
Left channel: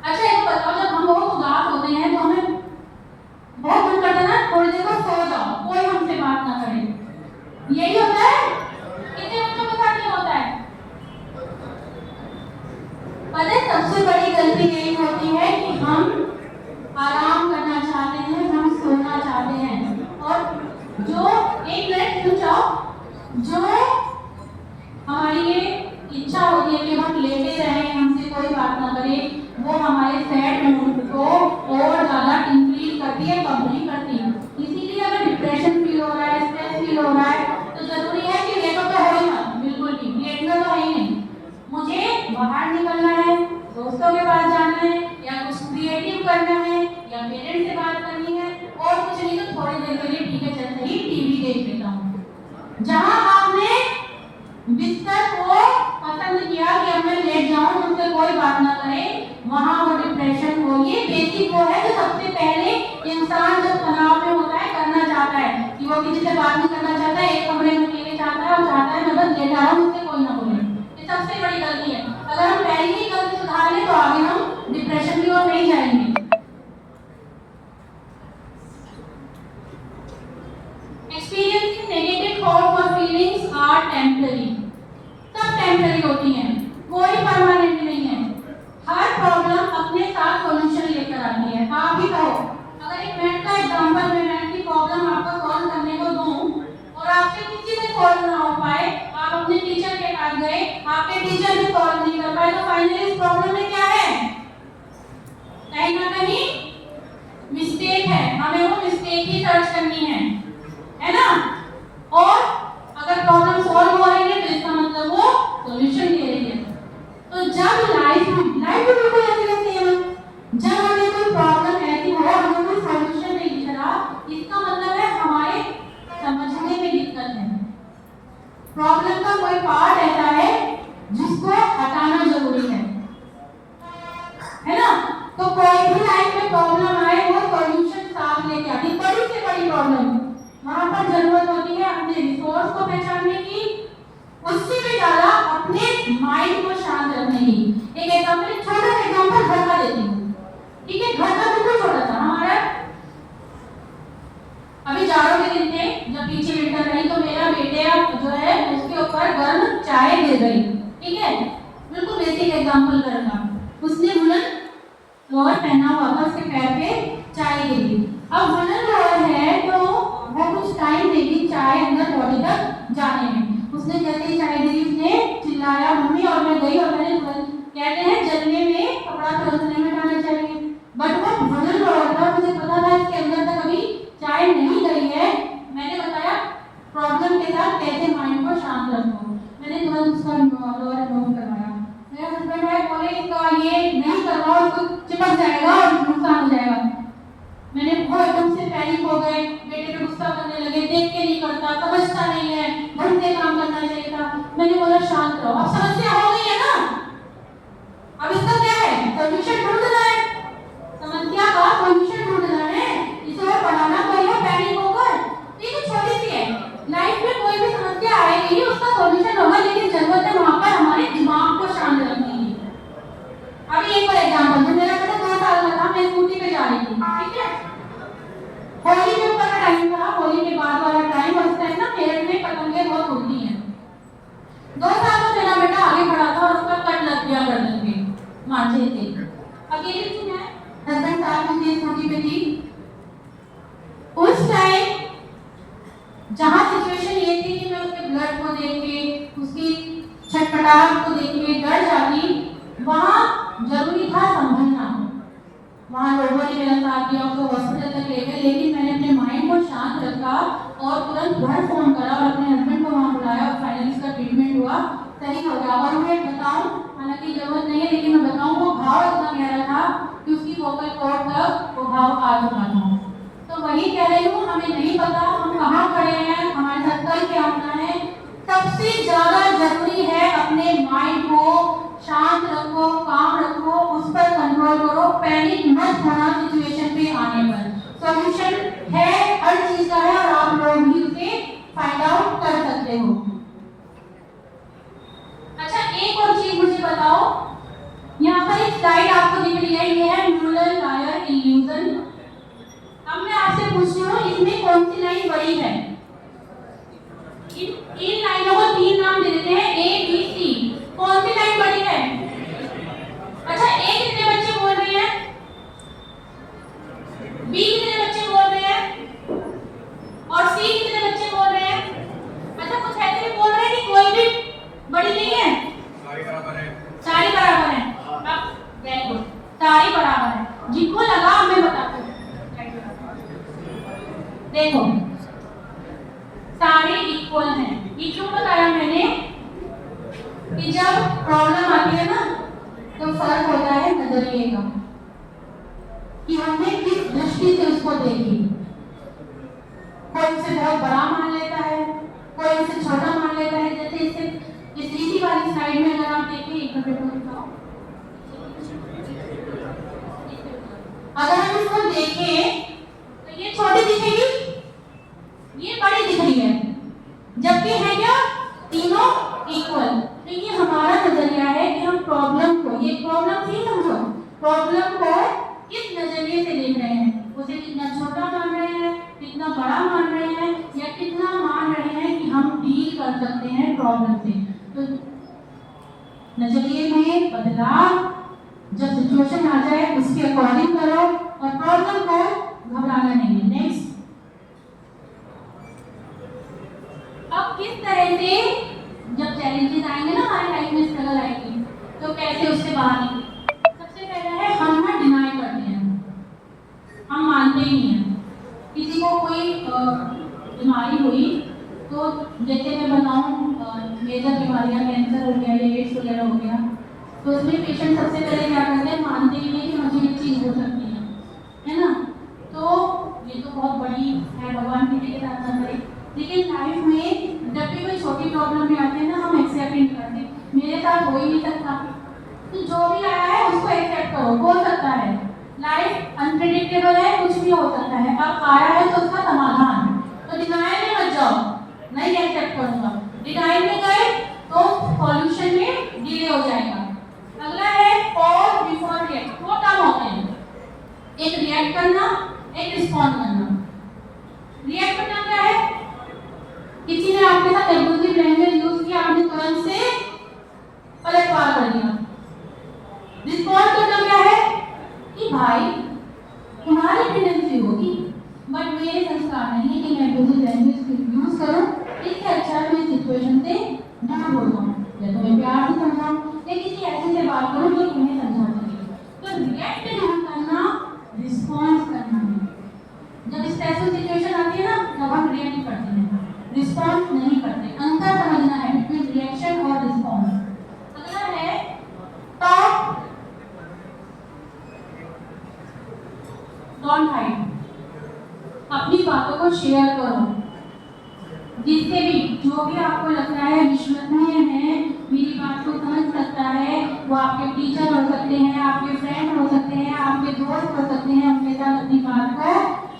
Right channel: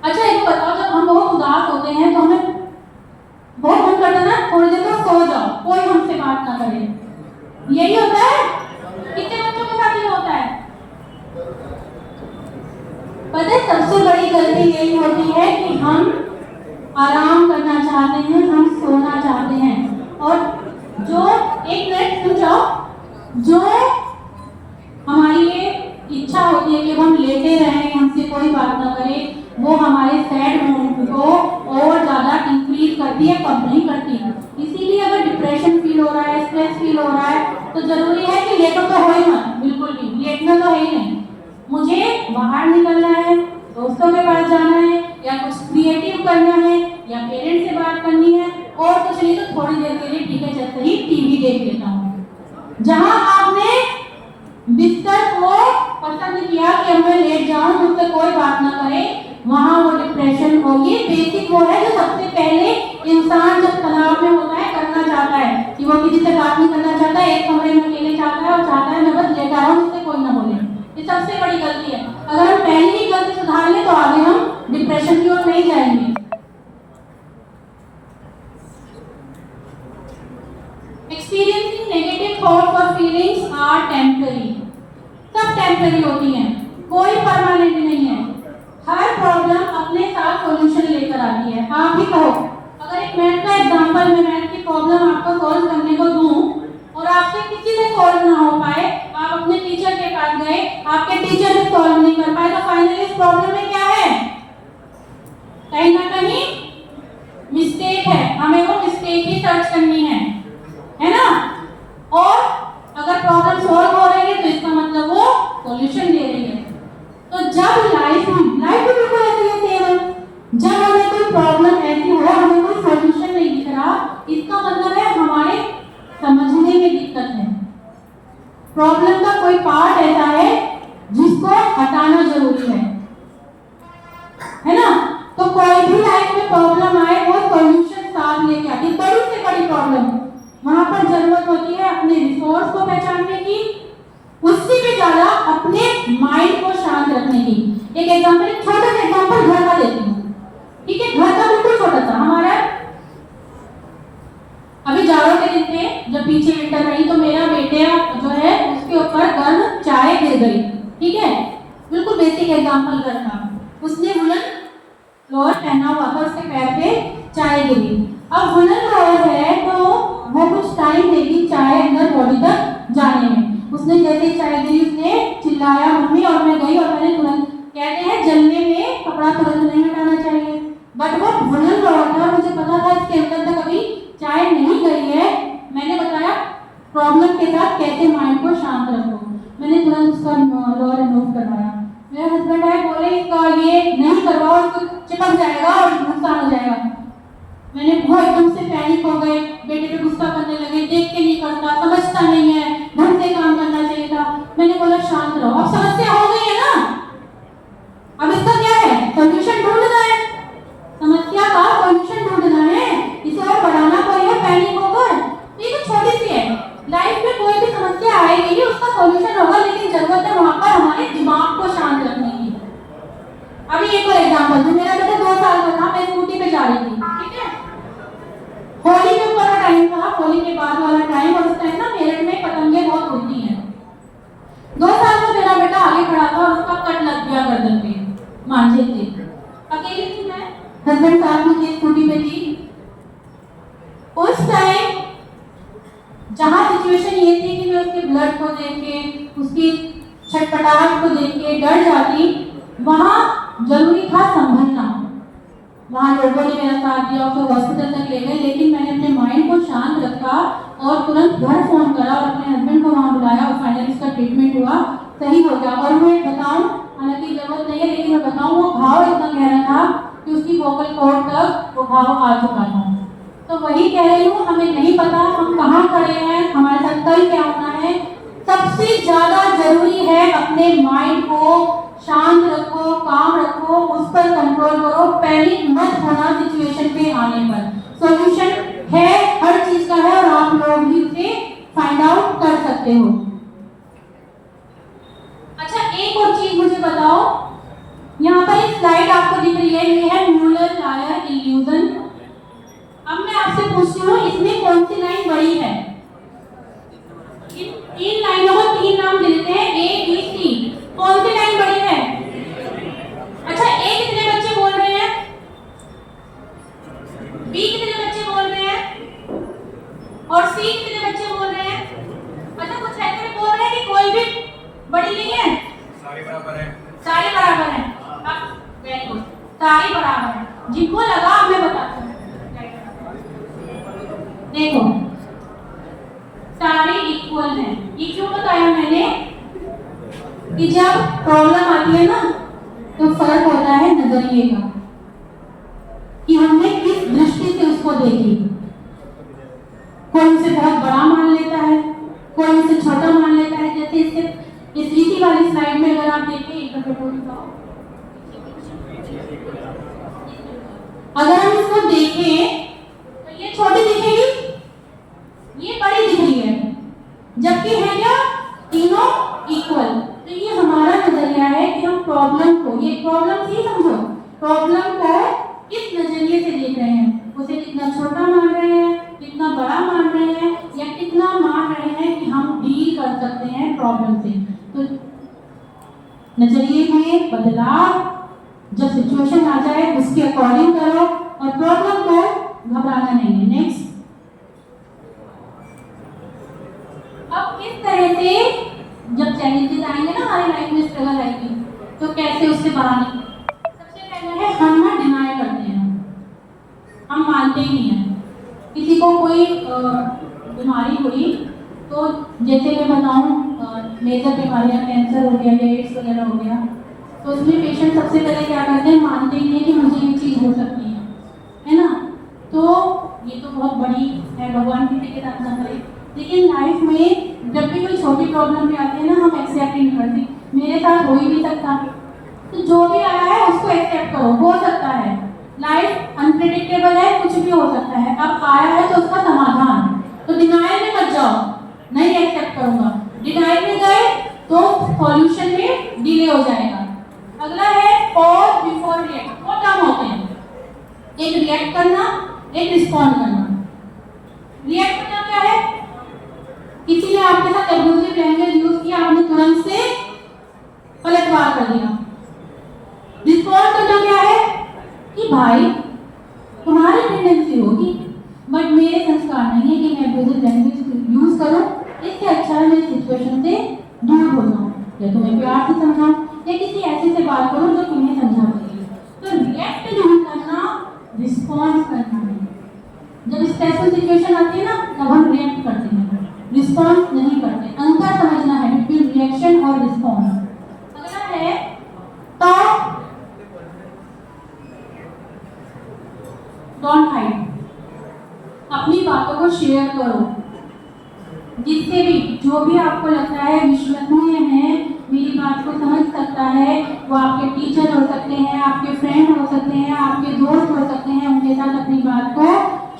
अच्छा एक बताओ, जब हम बहुत उदास होते हैं तो हमें बहुत मन करता है ना थोड़ी देर को सो जाओ, कोई हमसे बात ना करे, यही होता है। कितने बच्चों के साथ ये होता है? पता है सबसे बड़ी गलती यही होती है कि हम आराम करना चाहते हैं, हम सोना चाहते हैं, और जो एक मिनट रुक जाओ, जो हमारी ये इच्छा होती है कि हम लेटे रहें, हमसे कोई बात ना करे, वो हमारे सैड मूड को और ज्यादा इंक्रीज करती है, कम नहीं करती। इसीलिए अगर डिप्रेशन फील हो रहा है, स्ट्रेस फील हो रहा है, तो जरूरी है कि लेटो तो हो ही मत, बिल्कुल भी लेटना तो है ही नहीं। मुझे बाहर निकलना है, दोस्तों के पास जाना है, या कुछ क्रिएटिव करना है, या पेरेंट्स से बात करनी है, और कुछ नहीं तो थोड़ी देर के लिए ठीक है चलते ही टीवी देख लेता हूँ। जहां आपने बिस्तर को पसंद किया कि मैं लेट जाऊं, मुझसे कोई बात ना करे, वहां वो डिप्रेशन हो, ये बेसिक वो है जो सबसे पहले इंसान जब तनाव में होता है करना चाहता है, कि वो किसी से बात नहीं करना चाहता है, एक कमरे में अकेले चाहता है, और चाहता है मैं बस लेटा रहूं, मुझसे कोई ना बोले। ये सबसे बड़ी गलती है। अगर हम पहले ही गलती सुधार लें तो आगे हम डिप्रेशन की ओर नहीं जाएंगे। Experiencing negative thoughts or feelings are temporary. सब टेम्पररी होती हैं, कोई परमानेंट नहीं है। हर प्रॉब्लम अपने साथ सॉल्यूशन लेकर आती है। आप ही कहो, अगर एक मैथ का एग्जांपल में मैथ की प्रॉब्लम आपको सॉल्व करने को दूं और आपसे किसी से सॉल्व ना हो पाए, आप अपने टीचर के पास गए, आपके टीचर से सॉल्व नहीं कर पाए, तो फाइनली इस प्रॉब्लम में क्या है? कहीं ना कहीं मिस्टेक है, हमें वो मिस्टेक ही सर्च करनी है ना। और अगर प्रॉब्लम सॉल्व हो रही है तो इसका मतलब वो सॉल्यूशन ले रही है। तो जब लाइफ भी बिल्कुल ऐसी है सेम, जब हमें कोई प्रॉब्लम ऐसी हो, हमें कोई सॉल्यूशन नहीं दिख रहा, इसका मतलब है हमारे समझने में दिक्कत है। प्रॉब्लम का कोई पार्ट ऐसा है जिसको हटाना जरूरी है ना। तो कोई भी लाइफ में प्रॉब्लम आए, वो सॉल्यूशन साथ लेके आती है। बड़ी से बड़ी प्रॉब्लम, वहां पर जरूरत होती है अपने रिसोर्स को पहचानने की, उससे भी ज्यादा अपने माइंड को शांत रखने की। एक एग्जांपल, एक छोटा सा एग्जांपल घर का लेती हूँ, ठीक है। घर का बिल्कुल छोटा सा, हमारा अभी जाड़ों के दिन में जब पीछे विंटर रही तो मेरा बेटे जो है उसके ऊपर गर्म चाय गिर गई, ठीक है। बिल्कुल बेसिक एग्जांपल घर का, उसने वुलन लोअर पहना हुआ था, उसके पैर पे चाय गिरी। अब वुलन लोअर है तो वो कुछ टाइम देगी चाय अंदर बॉडी तक जाने में। उसने जैसे चाय गिरी, उसने चिल्लाया मम्मी, और मैं गई और मैंने तुरंत, कहते हैं जलने में कपड़ा तुरंत नहीं हटाना चाहिए, बट वो वुलन लोअर था, मुझे पता था इसके अंदर तक अभी चाय नहीं गई है। मैंने बताया प्रॉब्लम के साथ कैसे माइंड को शांत रखो, मैंने तुरंत उसका लोअर रिमूव करवाया। मेरे हस्बैंड आए, बोले इसका ये नहीं करवाओ, इसको चिपक जाएगा और नुकसान हो जाएगा। मैंने बहुत एकदम से पैनिक हो गए, बेटे पे गुस्सा करने लगे, देख के नहीं करता, समझता नहीं है, ढंग से काम करना चाहिए था। मैंने बोला शांत रहो, अब समस्या हो गई है ना, अब इसका क्या है? सॉल्यूशन ढूंढना है, समस्या का सॉल्यूशन ढूंढना है, इसे और बढ़ाना कोई है पैनिक होकर। ये तो छोटी सी है, लाइफ में कोई भी समस्या आएगी उसका सॉल्यूशन होगा, लेकिन जरूरत है वहां पर हमारे दिमाग को शांत रखने की। अभी एक और एग्जांपल, जब मेरा बेटा 2 साल का था, मैं स्कूटी पे जा रही थी, ठीक है। होली के ऊपर का टाइम था, होली के बाद वाला टाइम, और उस टाइम ना मेरठ में पतंगे बहुत उड़ती हैं। 2 साल का मेरा बेटा आगे खड़ा था और उसका कट लग गया गर्दन पे, मांझे से। अकेली थी मैं, हस्बैंड साथ में थे, स्कूटी पे थी। उस टाइम जहां सिचुएशन ये थी कि मैं उसके ब्लड को देख के, उसकी छटपटाहट को देख के डर जाती, वहां जरूरी था संभलना। वहां लोगों ने मेरा साथ दिया, उसको हॉस्पिटल तक ले गए, लेकिन मैंने अपने माइंड को शांत रखा और तुरंत घर फोन करा और अपने हस्बैंड को वहां बुलाया, और फाइनली इसका ट्रीटमेंट हुआ, सही हो गया। और मैं बताऊं, हालांकि जरूरत नहीं है लेकिन मैं बताऊं, वो घाव इतना गहरा था कि उसकी वोकल कॉर्ड तक वो घाव आ चुका था। तो वही कह रही हूँ, हमें नहीं पता हम कहाँ खड़े हैं, हमारे साथ कल क्या होना है। सबसे ज्यादा सकते हो। अच्छा, एक और चीज मुझे बताओ, यहाँ पर एक स्लाइड आपको दिख रही है, ये है म्यूलर-लायर इल्यूजन। अब मैं आपसे पूछती हूँ, इसमें कौन सी लाइन बड़ी है? इन तीन लाइनों को तीन नाम दे देते हैं, ए बी सी। कौन सी लाइन बड़ी है? अच्छा, ए कितने बच्चे बोल रहे हैं? बी कितने बच्चे बोल रहे हैं? और सी कितने बच्चे बोल रहे हैं? अच्छा, कुछ ऐसे भी बोल रहे हैं कि कोई भी बड़ी नहीं है, सारी बराबर है। सारी बराबर है। अब देखो, सारी बराबर है। जिनको लगा मैं बताती हूँ, देखो सारे इक्वल हैं। ये क्यों बताया मैंने कि जब प्रॉब्लम आती है ना तो फर्क होता है नजरिए का, कि हमने किस दृष्टि से उसको देखी। कोई उसे बहुत बड़ा मान लेता है, कोई उसे छोटा मान लेता है। जैसे इस इसी वाली स्लाइड में अगर आप देखें, एक मिनट रुको, अगर हम इसको देखें तो ये छोटी दिखेगी, ये बड़ी दिख रही है, जबकि है क्या तीनों इक्वल। तो ये हमारा नजरिया है कि हम प्रॉब्लम को, ये प्रॉब्लम थी समझो, प्रॉब्लम को किस नजरिए से देख रहे हैं। उसे कितना छोटा मान रहे हैं, कितना बड़ा मान रहे हैं, या कितना मान रहे हैं कि हम डील कर सकते हैं प्रॉब्लम से। तो नजरिए में बदलाव, जब सिचुएशन आ जाए उसके अकॉर्डिंग करो और प्रॉब्लम को घबराना नहीं है। नेक्स्ट, अब किस तरह से जब चैलेंजेस आएंगे ना हमारी लाइफ में, स्ट्रगल आएगी, तो कैसे उससे बाहर निकलें। सबसे पहला है हम ना डिनाई करते हैं, हम मानते ही नहीं हैं। किसी को कोई बीमारी हुई तो जैसे मैं बताऊं, मेजर बीमारियां, कैंसर हो गया या एड्स वगैरह हो गया, तो उसमें पेशेंट सबसे पहले क्या करते हैं, मानते ही नहीं कि मुझे ये चीज़ हो सकती है ना। तो ये तो बहुत बड़ी है, भगवान किसी के साथ ना करे। लेकिन लाइफ में जब भी कोई छोटी प्रॉब्लम भी आती है ना, हम एक्सेप्ट नहीं करते, मेरे साथ हो ही नहीं सकता। तो जो भी आया है उसको एक्सेप्ट करो, हो सकता है, लाइफ अनप्रेडिक्टेबल है, कुछ भी हो सकता है। अब आया है तो उसका समाधान, तो डिनायल में मत जाओ, नहीं एक्सेप्ट करूंगा। डिनायल में गए तो सॉल्यूशन में डिले हो जाएगा। अगला है पॉज बिफोर रिएक्ट। दो काम होते हैं, एक रिएक्ट करना, एक रिस्पॉन्ड करना। रिएक्ट करना क्या है, किसी ने आपके साथ एब्यूजिव लैंग्वेज यूज किया, आपने तुरंत से पलटवार कर दिया। रिस्पॉन्ड करना क्या है कि भाई तुम्हारी टेंडेंसी होगी, बट मेरे संस्कार नहीं है कि मैं एब्यूजिव लैंग्वेज यूज करूं। इससे अच्छा है मैं सिचुएशन से दूर हो जाऊं, या तुम्हें प्यार से समझाऊं, या किसी ऐसे से बात करूं जो तुम्हें समझा सके। तो रिएक्ट नहीं करना, रिस्पॉन्स करना है। जब स्ट्रेसफुल सिचुएशन आती है ना, तब हम रिएक्ट करते हैं, रिस्पॉन्स नहीं करते। अंतर समझना है बिटवीन रिएक्शन और रिस्पॉन्स। अगला है टॉक, डोंट हाइड। अपनी बातों को शेयर करो, जिससे भी, जो भी आपको लगता है विश्वसनीय है, मेरी बात को समझ सकता है, वो आपके टीचर हो सकते हैं, आपके फ्रेंड हो सकते हैं, आपके दोस्त हो सकते हैं, उनके साथ अपनी बात को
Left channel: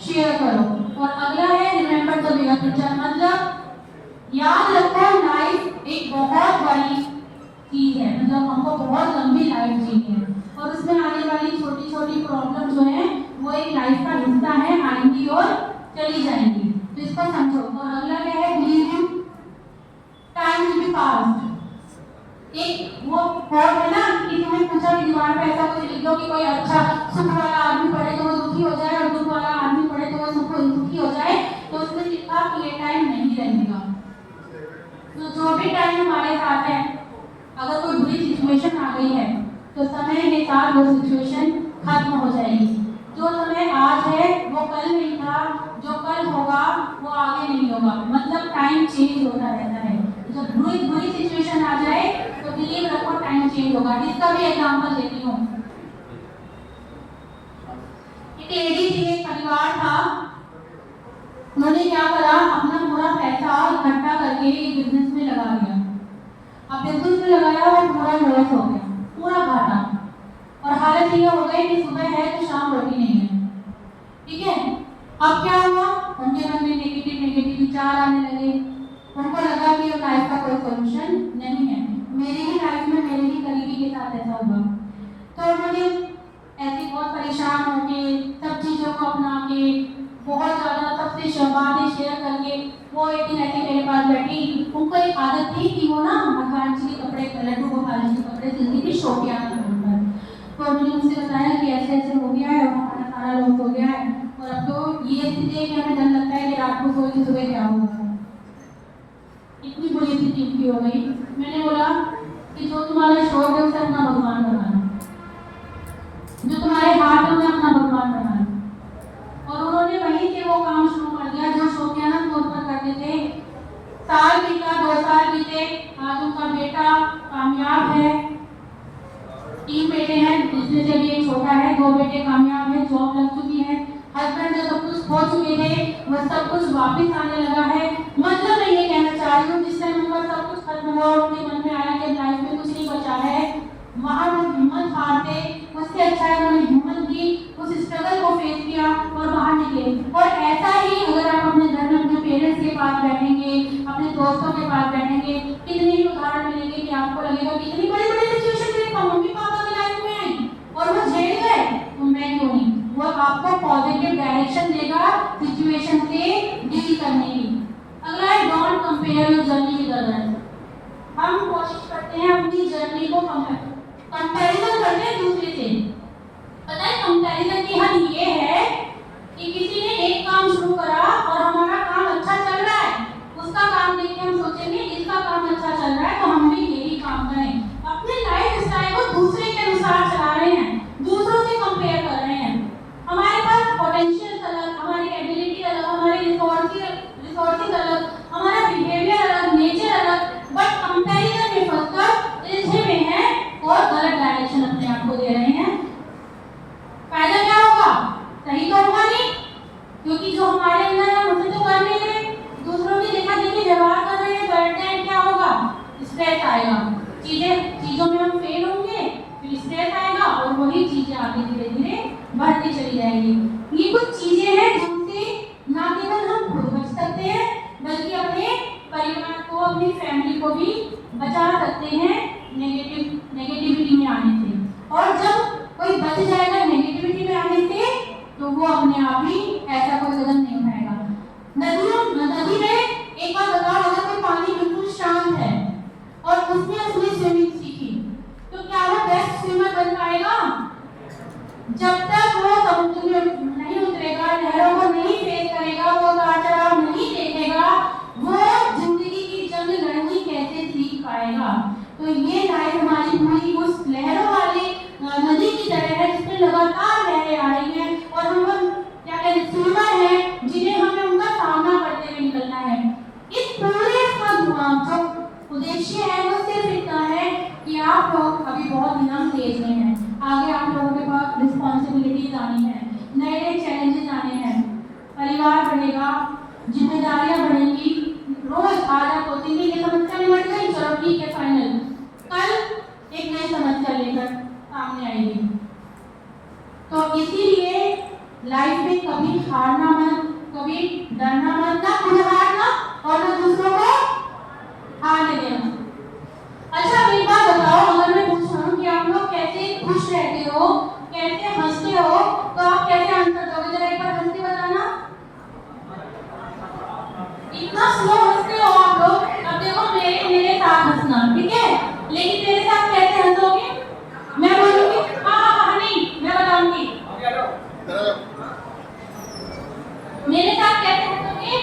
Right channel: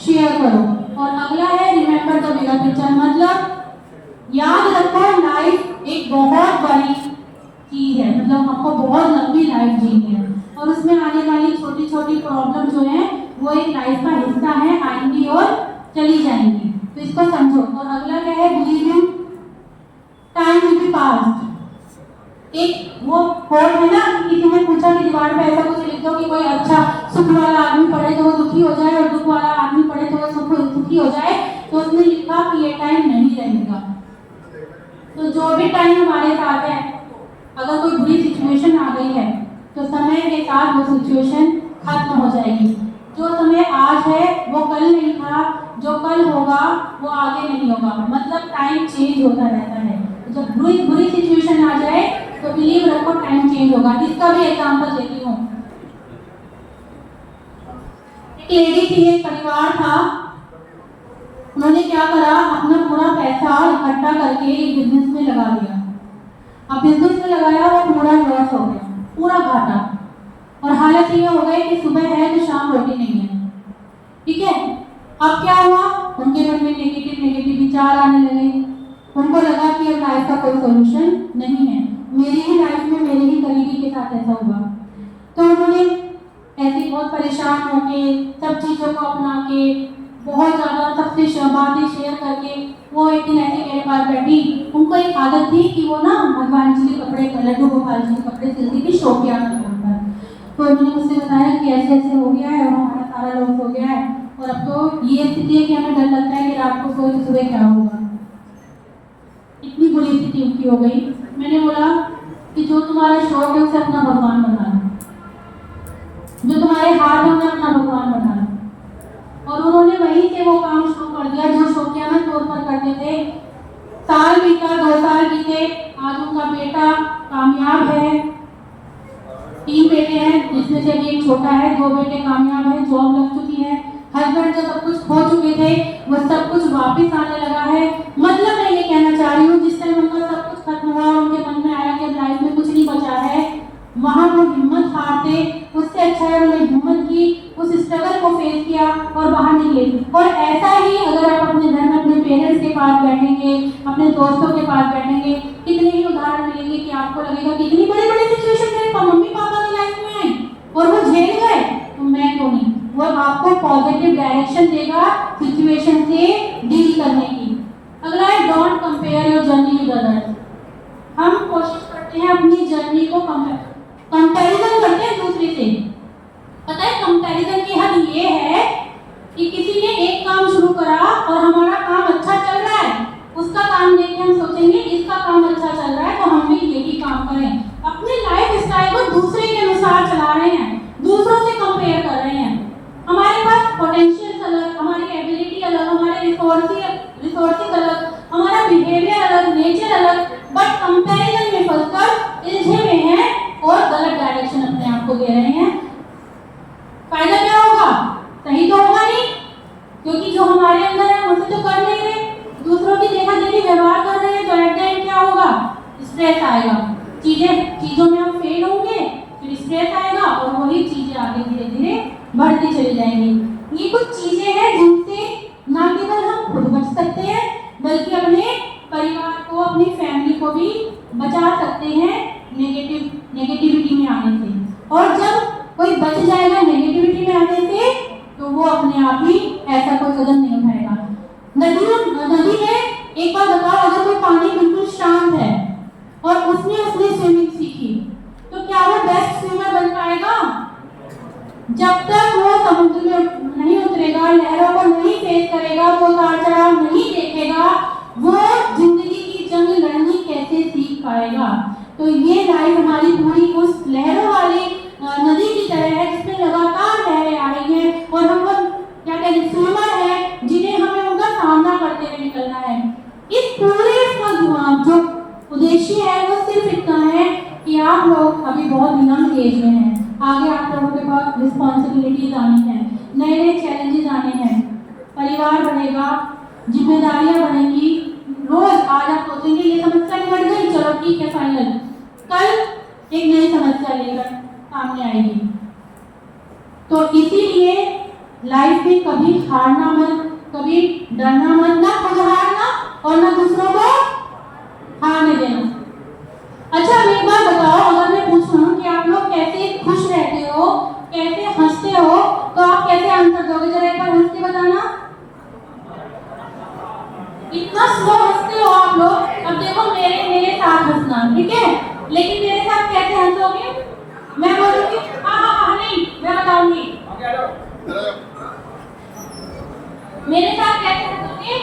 शेयर करो। और अगला है रिमेंबर द बिगर पिक्चर, मतलब याद रखो लाइफ एक बहुत बड़ी चीज है, मतलब आपको बहुत लंबी लाइफ जीनी है, और उसमें आने वाली छोटी छोटी प्रॉब्लम जो है वो एक लाइफ का हिस्सा है, आएंगी और चली जाएंगी। तो इसको समझो। और अगला क्या है, believe in time will be past. एक वो कोट है ना, किसी ने पूछा कि दीवार पे ऐसा कुछ लिख दो कि कोई अच्छा सुख वाला आदमी पढ़े तो वो दुखी हो जाए, और दुख वाला आदमी पढ़े तो वो सुखी हो जाए। तो उसने लिखा कि ये टाइम नहीं रहेगा। तो जो भी टाइम हमारे साथ है, अगर कोई बुरी सिचुएशन आ गई है तो समय के साथ वो सिचुएशन खत्म हो जाएगी। जो समय आज है वो कल नहीं था, जो कल होगा वो आगे नहीं होगा, मतलब टाइम चेंज होता रहता है। जब बुरी सिचुएशन आ जाए तो बिलीव रखो टाइम चेंज होगा। इसका भी एग्जांपल देती हूँ। एक लेडी थी, एक परिवार था, उन्होंने क्या करा, अपना पूरा पैसा इकट्ठा करके एक बिजनेस में लगा दिया। अब बिजनेस में लगाया, वो पूरा लॉस हो गया, पूरा घाटा, और हालत ये हो गई कि सुबह है तो शाम रोटी नहीं है। ठीक है, अब क्या हुआ, उनके मन में नेगेटिव विचार आने लगे। उनको लगा सी टिप्पणी हो गई। मैंने बोला कि जो तुम्हारा शौक है उसे अपना भगवान बनाना, जो तुम्हारे हाथ में अपना भगवान बनाना। और उन्होंने वहीं से वो काम शुरू कर दिया जो शौकियाना तौर पर करते थे। साल बीता, 2 साल बीते, आज उनका बेटा कामयाब है। 3 बेटे हैं जिसमें से अभी एक छोटा है। 2 बेटे कामयाब है, जॉब लग चुकी है। हस्बैंड जो सब कुछ खो चुके थे वो सब कुछ वापस आने लगा है। मतलब मैं ये कहना चाह रही हूँ, जिस टाइम उनका सब कुछ खत्म हुआ और उनके मन में आया कि लाइफ में कुछ नहीं बचा है, वहां वो हिम्मत हारते, उससे अच्छा है उन्होंने हिम्मत की, उस स्ट्रगल को फेस किया और बाहर निकले। और ऐसा ही अगर आप अपने घर में अपने पेरेंट्स के पास बैठेंगे, अपने दोस्तों के पास बैठेंगे, कितने ही उदाहरण मिलेंगे कि आपको लगेगा कि इतनी बड़ी बड़ी सिचुएशन मेरे मम्मी पापा की लाइफ में आई और वो झेल गए, तो मैं क्यों नहीं। वो आपको पॉजिटिव डायरेक्शन देगा सिचुएशन से डील करने की। अगला है don't compare your journey with others. हम कोशिश करते हैं अपनी जर्नी को कंपैरिजन करते हैं दूसरे से। पता है कंपैरिजन की हद ये है कि किसी ने एक काम शुरू करा और हमारा काम अच्छा चल रहा है, उसका काम देख के हम सोचेंगे इसका काम अच्छा चल रहा है तो हम भी यही काम करें। अपनी लाइफ स्टाइल को दूसरे के अनुसार चला रहे हैं, दूसरों से कंपेयर कर रहे हैं। हमारे पास पोटेंशियल अलग, हमारी एबिलिटी अलग, हमारे रिसोर्सेज अलग, हमारा बिहेवियर अलग, नेचर अलग, बट कंपैरिजन में फंसकर उलझे हुए हैं और गलत डायरेक्शन अपने आप को दे रहे हैं। फायदा क्या होगा? सही तो होगा नहीं, क्योंकि जो हमारे अंदर है उसे तो कर नहीं रहे, दूसरों की देखा देखी व्यवहार कर रहे हैं, तो एट द एंड क्या होगा? स्ट्रेस आएगा, चीजों में हम फेल होंगे, फिर स्ट्रेस आएगा और वही चीजें आगे धीरे धीरे बढ़ती चली जाएंगी। ये कुछ चीजें हैं जिनसे ना केवल हम खुद बच सकते हैं बल्कि अपने परिवार को, अपनी फैमिली को भी बचा सकते हैं नेगेटिविटी में आने से। और जब कोई बच जाएगा नेगेटिविटी में आने से तो वो अपने आप ही ऐसा कोई कदम नहीं उठाएगा। नदी में एक बार बताओ, अगर कोई पानी बिल्कुल शांत है और उसने अपनी स्विमिंग सीखी तो क्या वो बेस्ट स्विमर बन पाएगा? जब तक वो समुद्र में नहीं उतरेगा, लहरों को नहीं फेस करेगा, वो उतार चढ़ाव नहीं देखेगा, वो जिंदगी की जंग लड़नी कैसे सीख पाएगा? तो ये लाइफ हमारी पूरी उस लहरों वाली नदी की तरह है जिसमें लगातार लहरें आ रही हैं और हम लोग क्या कहते हैं स्विमर हैं जिन्हें हमें उनका सामना करते हुए निकलना है। इस पूरे का जो उद्देश्य है वो सिर्फ इतना है कि आप लोग अभी बहुत यंग एज में हैं, आगे आप लोगों के पास रिस्पॉन्सिबिलिटीज आनी है, नए नए चैलेंजेस आने हैं, परिवार बढ़ेगा, जिम्मेदारियां बढ़ेंगी। रोज आज आप सोचेंगे ये समस्या निपट गई, चलो ठीक है फाइनल, कल एक नई समस्या लेकर सामने आएगी। तो इसीलिए लाइफ में कभी हारना मत, कभी डरना मत, ना खुद हारना और ना दूसरों को हारने देना। अच्छा अब एक बात बताओ, अगर मैं पूछूं कि आप लोग कैसे खुश रहते हो, कैसे हंसते हो, तो आप कैसे आंसर दोगे? जरा एक बार हंस के बताना। इतना स्लो हंसते हो आप लोग। अब देखो मेरे साथ हंसना, ठीक है, लेकिन मेरे साथ कैसे हंसोगे? मैं बोलूंगी हाँ नहीं, मैं बताऊंगी। मेरे साथ कैसे हंसोगे?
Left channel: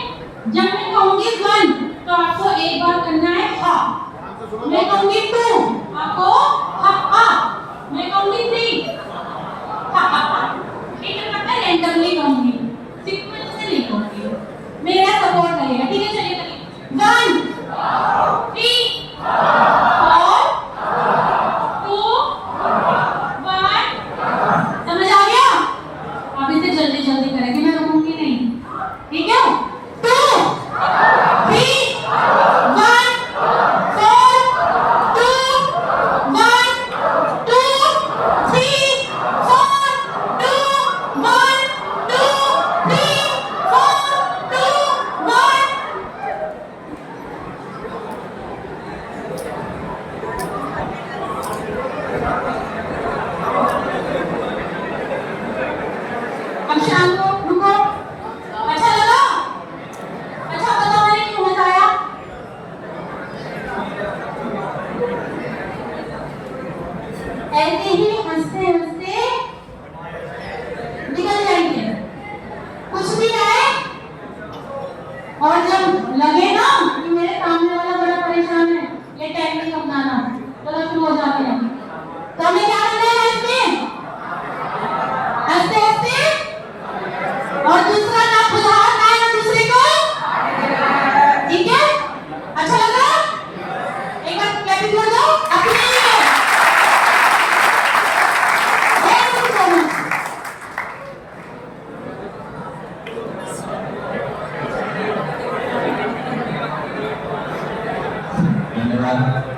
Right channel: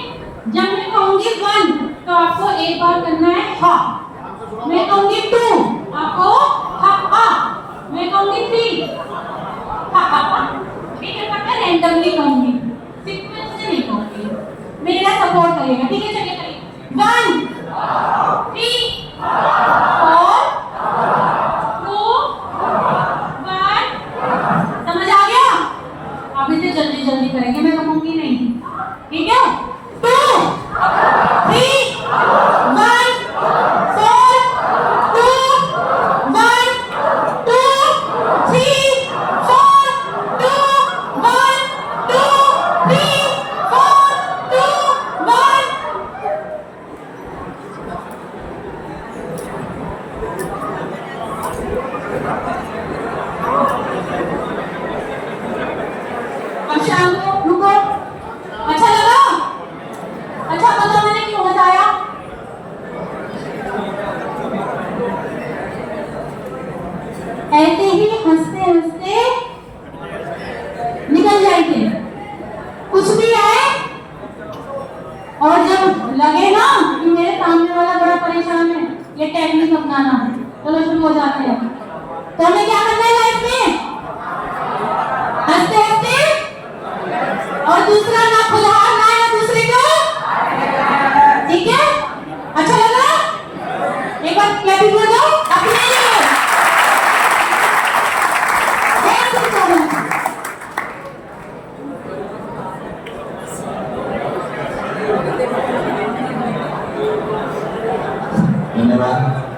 जब मैं कहूंगी 1 तो आपको एक बार करना है हाँ, मैं कहूंगी 2 आपको हाँ, मैं कहूंगी 3 ठीक है, पता है रैंडमली कहूंगी, सीक्वेंस से नहीं कहूंगी, मेरा सपोर्ट करेगा, ठीक है? चलिए 1 3 4 2 1 समझ आ गया? आप इसे जल्दी जल्दी करेंगे, मैं कहूंगी नहीं, ठीक है? 2 3 1 4 2 1 ताली बजाओ अपने लिए। जय श्री कृष्ण। धन्यवाद।